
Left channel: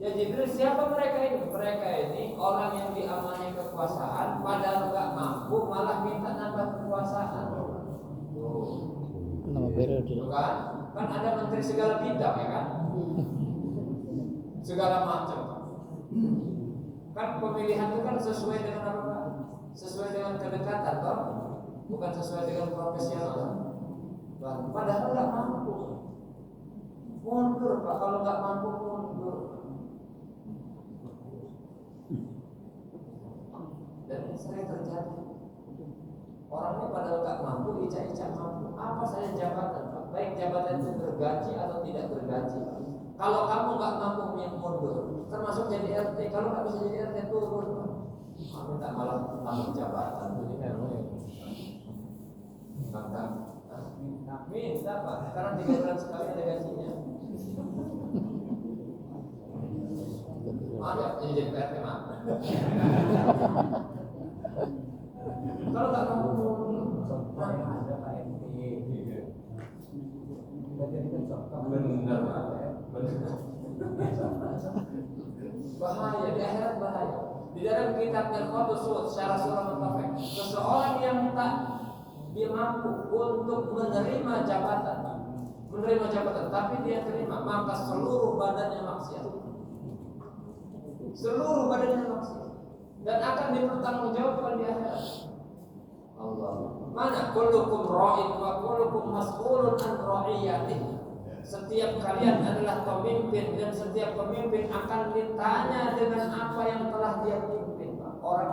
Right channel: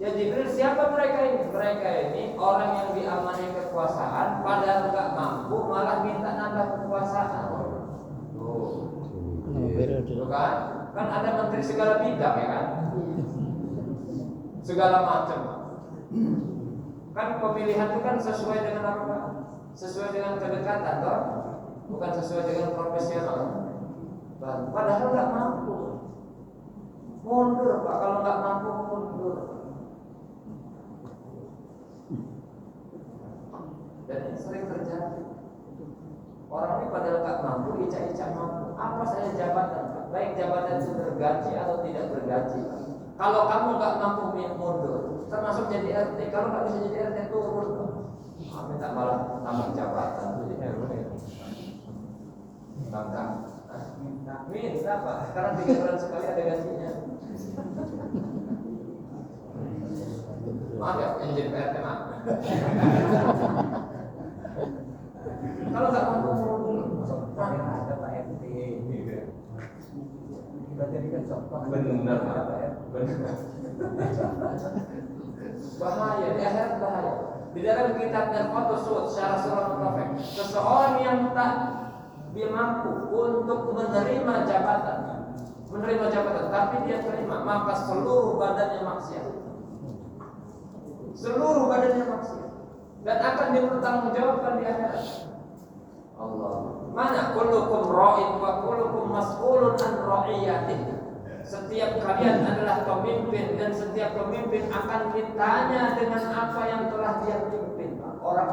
ya Jibril, siapa mereka ini? Mereka ini orang yang diamani kekuasaan, padahal nggak mampu, malah minta nambah kekuasaan. Nama periode. Kan ada menteri segala bidang ya kan, segala macam. Kan pemilihan itu kan sesuai dengan apa? Sesuai dengan kedekatan, toh? Bukan sesuai dengan profesional. Padahal nggak mampu, mundur Pak. Kalau nggak mampu mundur. Dan ini sering terjadi. Orang ini padahal nggak mampu, icak-icak mampu. Apa saja jabatan, baik jabatan itu bergaji atau tidak bergaji. Kalau kamu nggak mampu mundur, termasuk jadi RT. Kalau nggak bisa jadi RT turun, minta malah tambah jabatan. Jadi minta Pak. Sekarang 3 bulan sekali ada gajinya. Maaf ya, yang jadi PRT maaf. Kalau nggak mampu ada Pak RT. Kita jadikan contoh. Benar. Bahaya, di akhirat bahaya. Di dalam kitab Al-Qudus secara surah Al-Fatih, seseorang yang tak mampu untuk menerima jabatan, tapi dia terima, maka seluruh badannya maksiat. Dan akan dipertanggungjawabkan di akhirat. Allah. Mana kullukum ra'in wa kullukum mas'ulun an ra'iyatihi. Setiap kalian adalah pemimpin dan setiap pemimpin akan ditanya dengan apa yang telah dia pimpin. Orang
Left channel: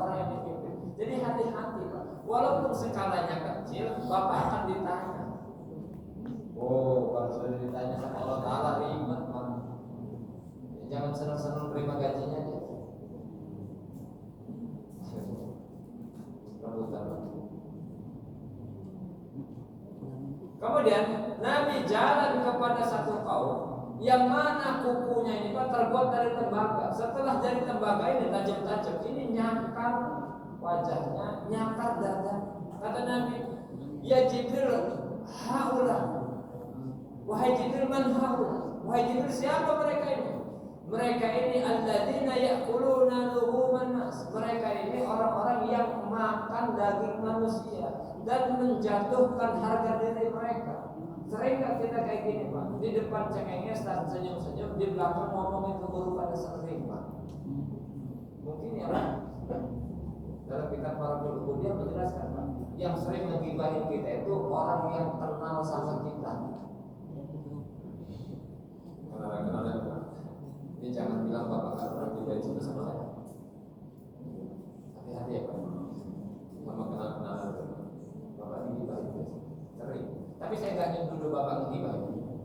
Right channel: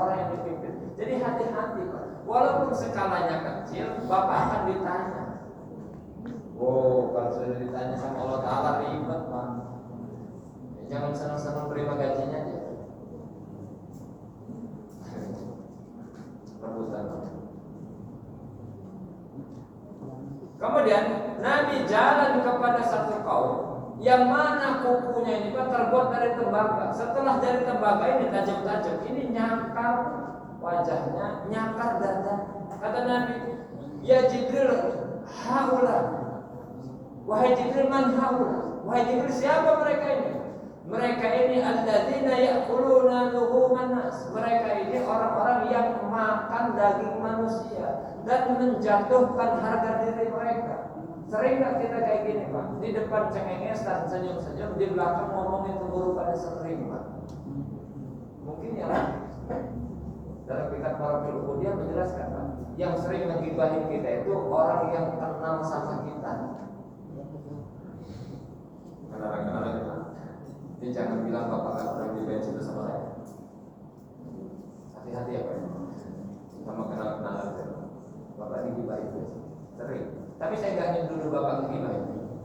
Kemudian Nabi jalan kepada satu kaum yang mana kukunya ini Pak terbuat dari tembaga. Setelah dari tembaga ini tajam-tajam, ini nyakar wajahnya, nyakar dada. Kata Nabi, ya Jibril, haula. Wahai Jibril, man haula? Wahai Jibril, siapa mereka ini? Mereka ini alladzina ya'kuluna luhuman nas. Mereka ini orang-orang yang makan daging manusia dan menjatuhkan harga diri mereka. Sering gak kita kayak gini Pak? Di depan cengenges dan senyum-senyum, di belakang ngomong itu guru pada sering Pak. Mungkin ya Pak. Dalam kitab Marafil Uqudiyah menjelaskan Pak, yang sering menggibahin kita itu orang yang kenal sama kita. Kenal kita. Jadi jangan bilang Bapak gak pernah dibenci bersama saya. Hati-hati ya Pak. Sama kenal-kenalan saya. Bapak digibahin sering. Tapi saya nggak nyuruh Bapak menggibah itu.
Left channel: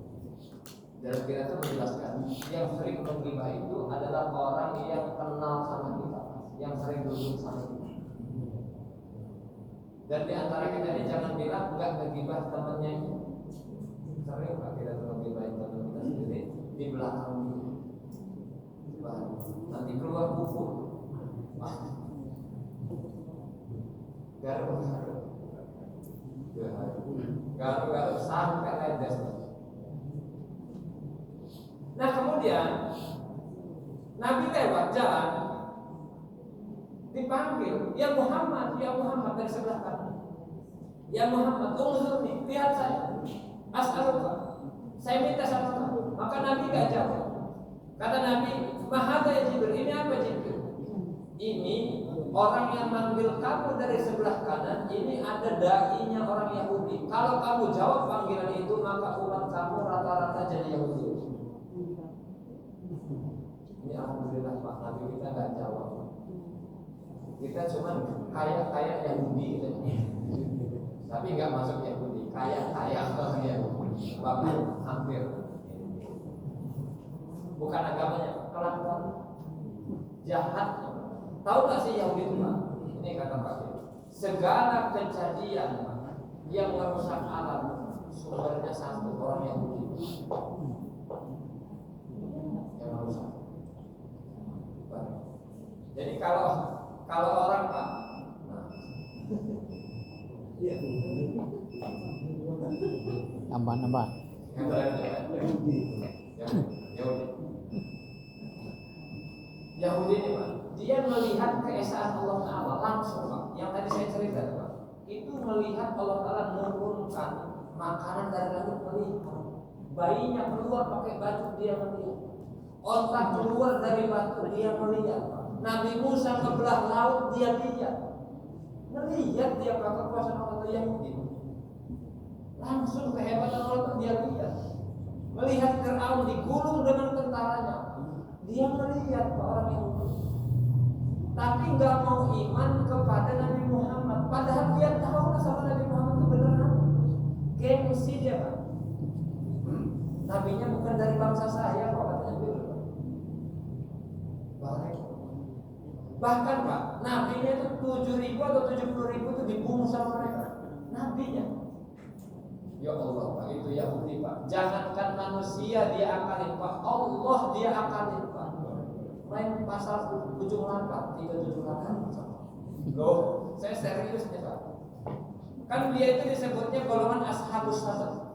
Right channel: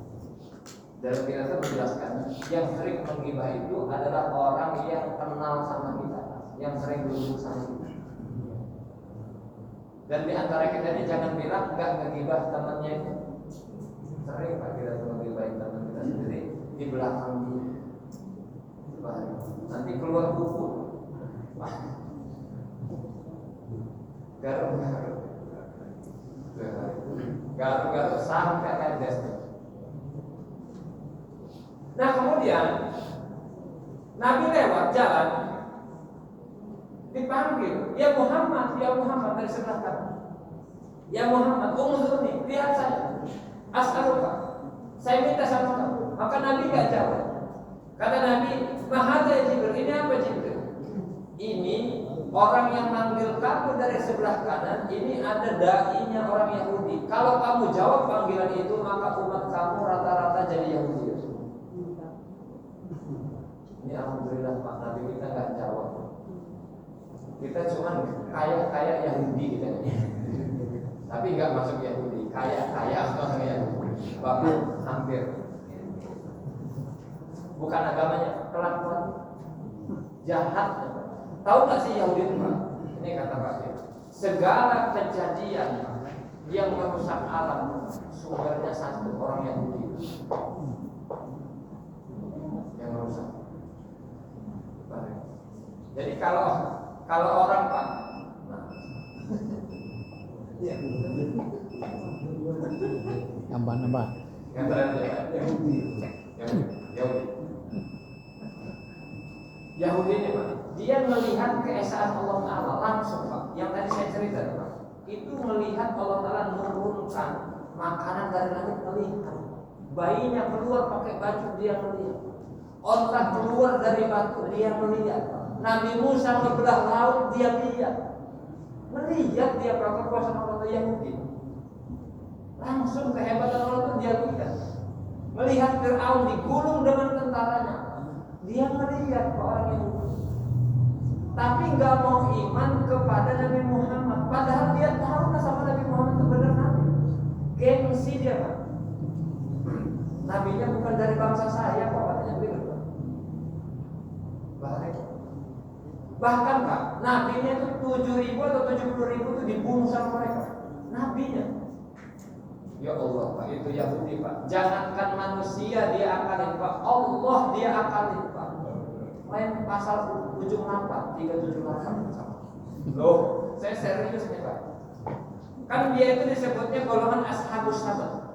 Dalam kita itu menjelaskan, yang sering menggibah itu adalah orang yang kenal sama kita, yang sering duduk sama kita. Dan di antara kita ini jangan bilang nggak menggibah temannya itu. Sering Pak kita menggibahin teman kita sendiri di belakang dia. Nanti keluar buku. Garuk-garuk sampai netes. Nah kemudian Nabi lewat jalan, dipanggil, ya Muhammad dari sebelah kanan. Ya Muhammad, unzurni, lihat saya. As'aluka, saya minta sama kamu. Maka Nabi gak jawab. Kata Nabi, mahadha ya Jibril, ini apa Jibril? Ini orang yang manggil kamu dari sebelah kanan, ini ada da'inya orang Yahudi. Kalau kamu jawab panggilan itu, maka umat kamu rata-rata jadi Yahudi. Ini alhamdulillah Pak, Nabi kita nggak jawab. Kita cuma kaya-kaya Yahudi gitu. Tapi nggak masuk Yahudi, kaya-kaya orang Yahudi. Bahkan hampir. Bukan agamanya, kelakuan jahat. Tahu nggak sih Yahudi itu Pak? Ini kata Pak, segala kejadian yang merusak alam sumbernya satu, orang Yahudi yang merusak. Jadi kalau orang Pak, nambah yang terakhir Yahudi ini Pak, dia melihat keesaan Allah Ta'ala langsung Pak. Yang tadi saya cerita Pak, itu melihat Allah Ta'ala menurunkan makanan dari langit, melihat bayinya keluar pakai baju, dia melihat onta keluar dari batu, dia melihat Nabi Musa kebelah laut, dia lihat. Melihat dia perkuasaan Allah Yahudi. Langsung kehebatan Allah dia lihat. Melihat Fir'aun digulung dengan tentaranya, dia melihat ke orang Yahudi. Tapi nggak mau iman kepada Nabi Muhammad. Padahal dia tahu sama Nabi Muhammad itu benar Nabi. Gengsi dia Pak. Nabinya bukan dari bangsa saya kok, katanya begitu. Bahkan Pak, nabinya itu 7.000 atau 70.000 itu dibunuh sama mereka. Nabinya. Ya Allah Pak, itu Yahudi Pak. Jangankan manusia dia akalin Pak, Allah dia akalin Pak. Main pasal ujung 8 378. Loh, saya serius nih Pak. Kan dia itu disebutnya golongan ashabus sabat.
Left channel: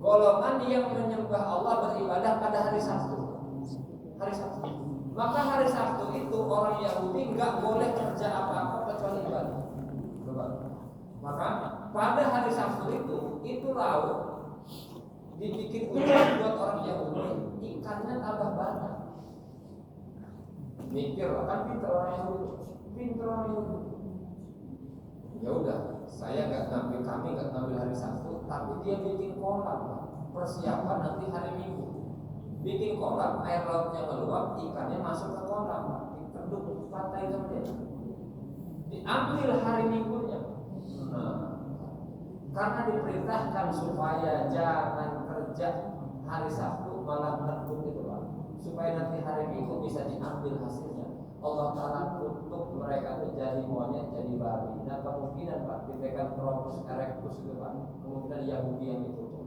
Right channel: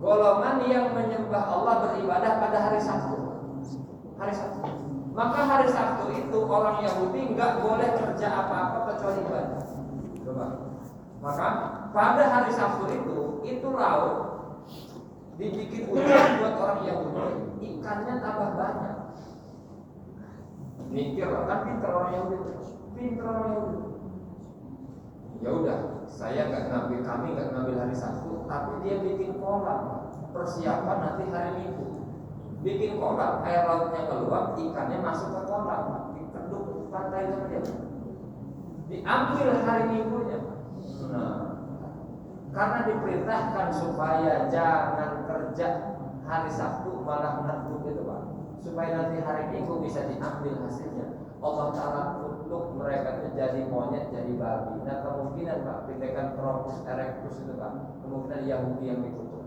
Golongan yang menyembah Allah beribadah pada hari Sabtu. Hari Sabtu. Maka hari Sabtu itu orang Yahudi nggak boleh kerja apa-apa kecuali ibadah. Maka pada hari Sabtu itu laut dibikin ujian buat orang Yahudi, ikannya tambah banyak. Mikir kan pinter orang Yahudi, pinter orang Yahudi. Ya udah, kami nggak ngambil hari Sabtu, tapi dia bikin kolam persiapan nanti hari Minggu. Bikin kolam, air lautnya meluap, ikannya masuk ke kolam, dikeduk pantai saja. Diambil hari Minggunya. Nah, karena diperintahkan supaya jangan kerja hari Sabtu malah ngenduk itu Pak, supaya nanti hari Minggu bisa diambil hasilnya. Allah Ta'ala kutuk mereka itu jadi monyet, jadi jadi babi. Nah kemungkinan Pak tindakan Tropus erectus itu Pak, kemungkinan Yahudi yang ditutup.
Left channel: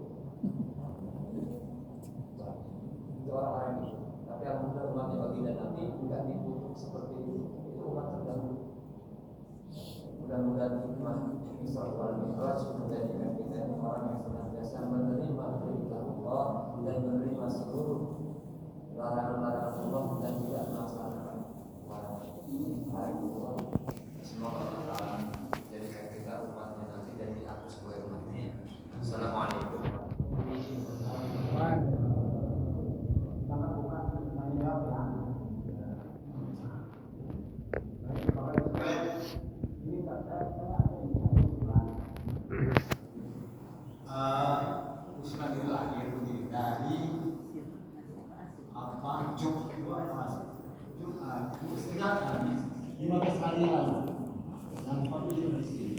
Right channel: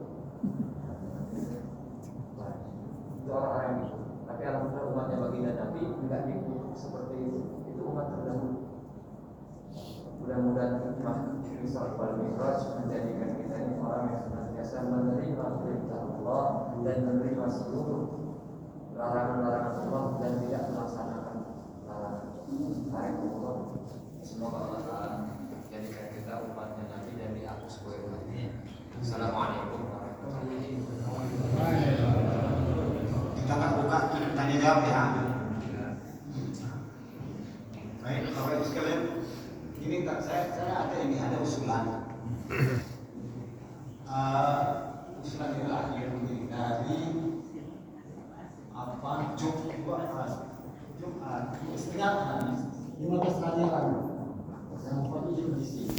Itu orang-orang yang ditutup. Tapi alhamdulillah umatnya baginda Nabi enggak ditutup seperti itu. Itu umat terdahulu. Mudah-mudahan hikmah Isra wal Mi'raj menjadikan kita ini orang yang senantiasa menerima perintah Allah dan menerima seluruh larangan-larangan Allah dan tidak melaksanakan larangan. Semoga Allah Ta'ala jadikan kita umatnya Nabi dan dihapus oleh umatnya. Assalamualaikum warahmatullahi wabarakatuh. Kita akan buka tanya jawab ya. Baik, Bapak Ibu sekalian, ini saya ada usulan. Usulan itu lahir dari Jumat 15 hari lalu. Yang kondisi di sini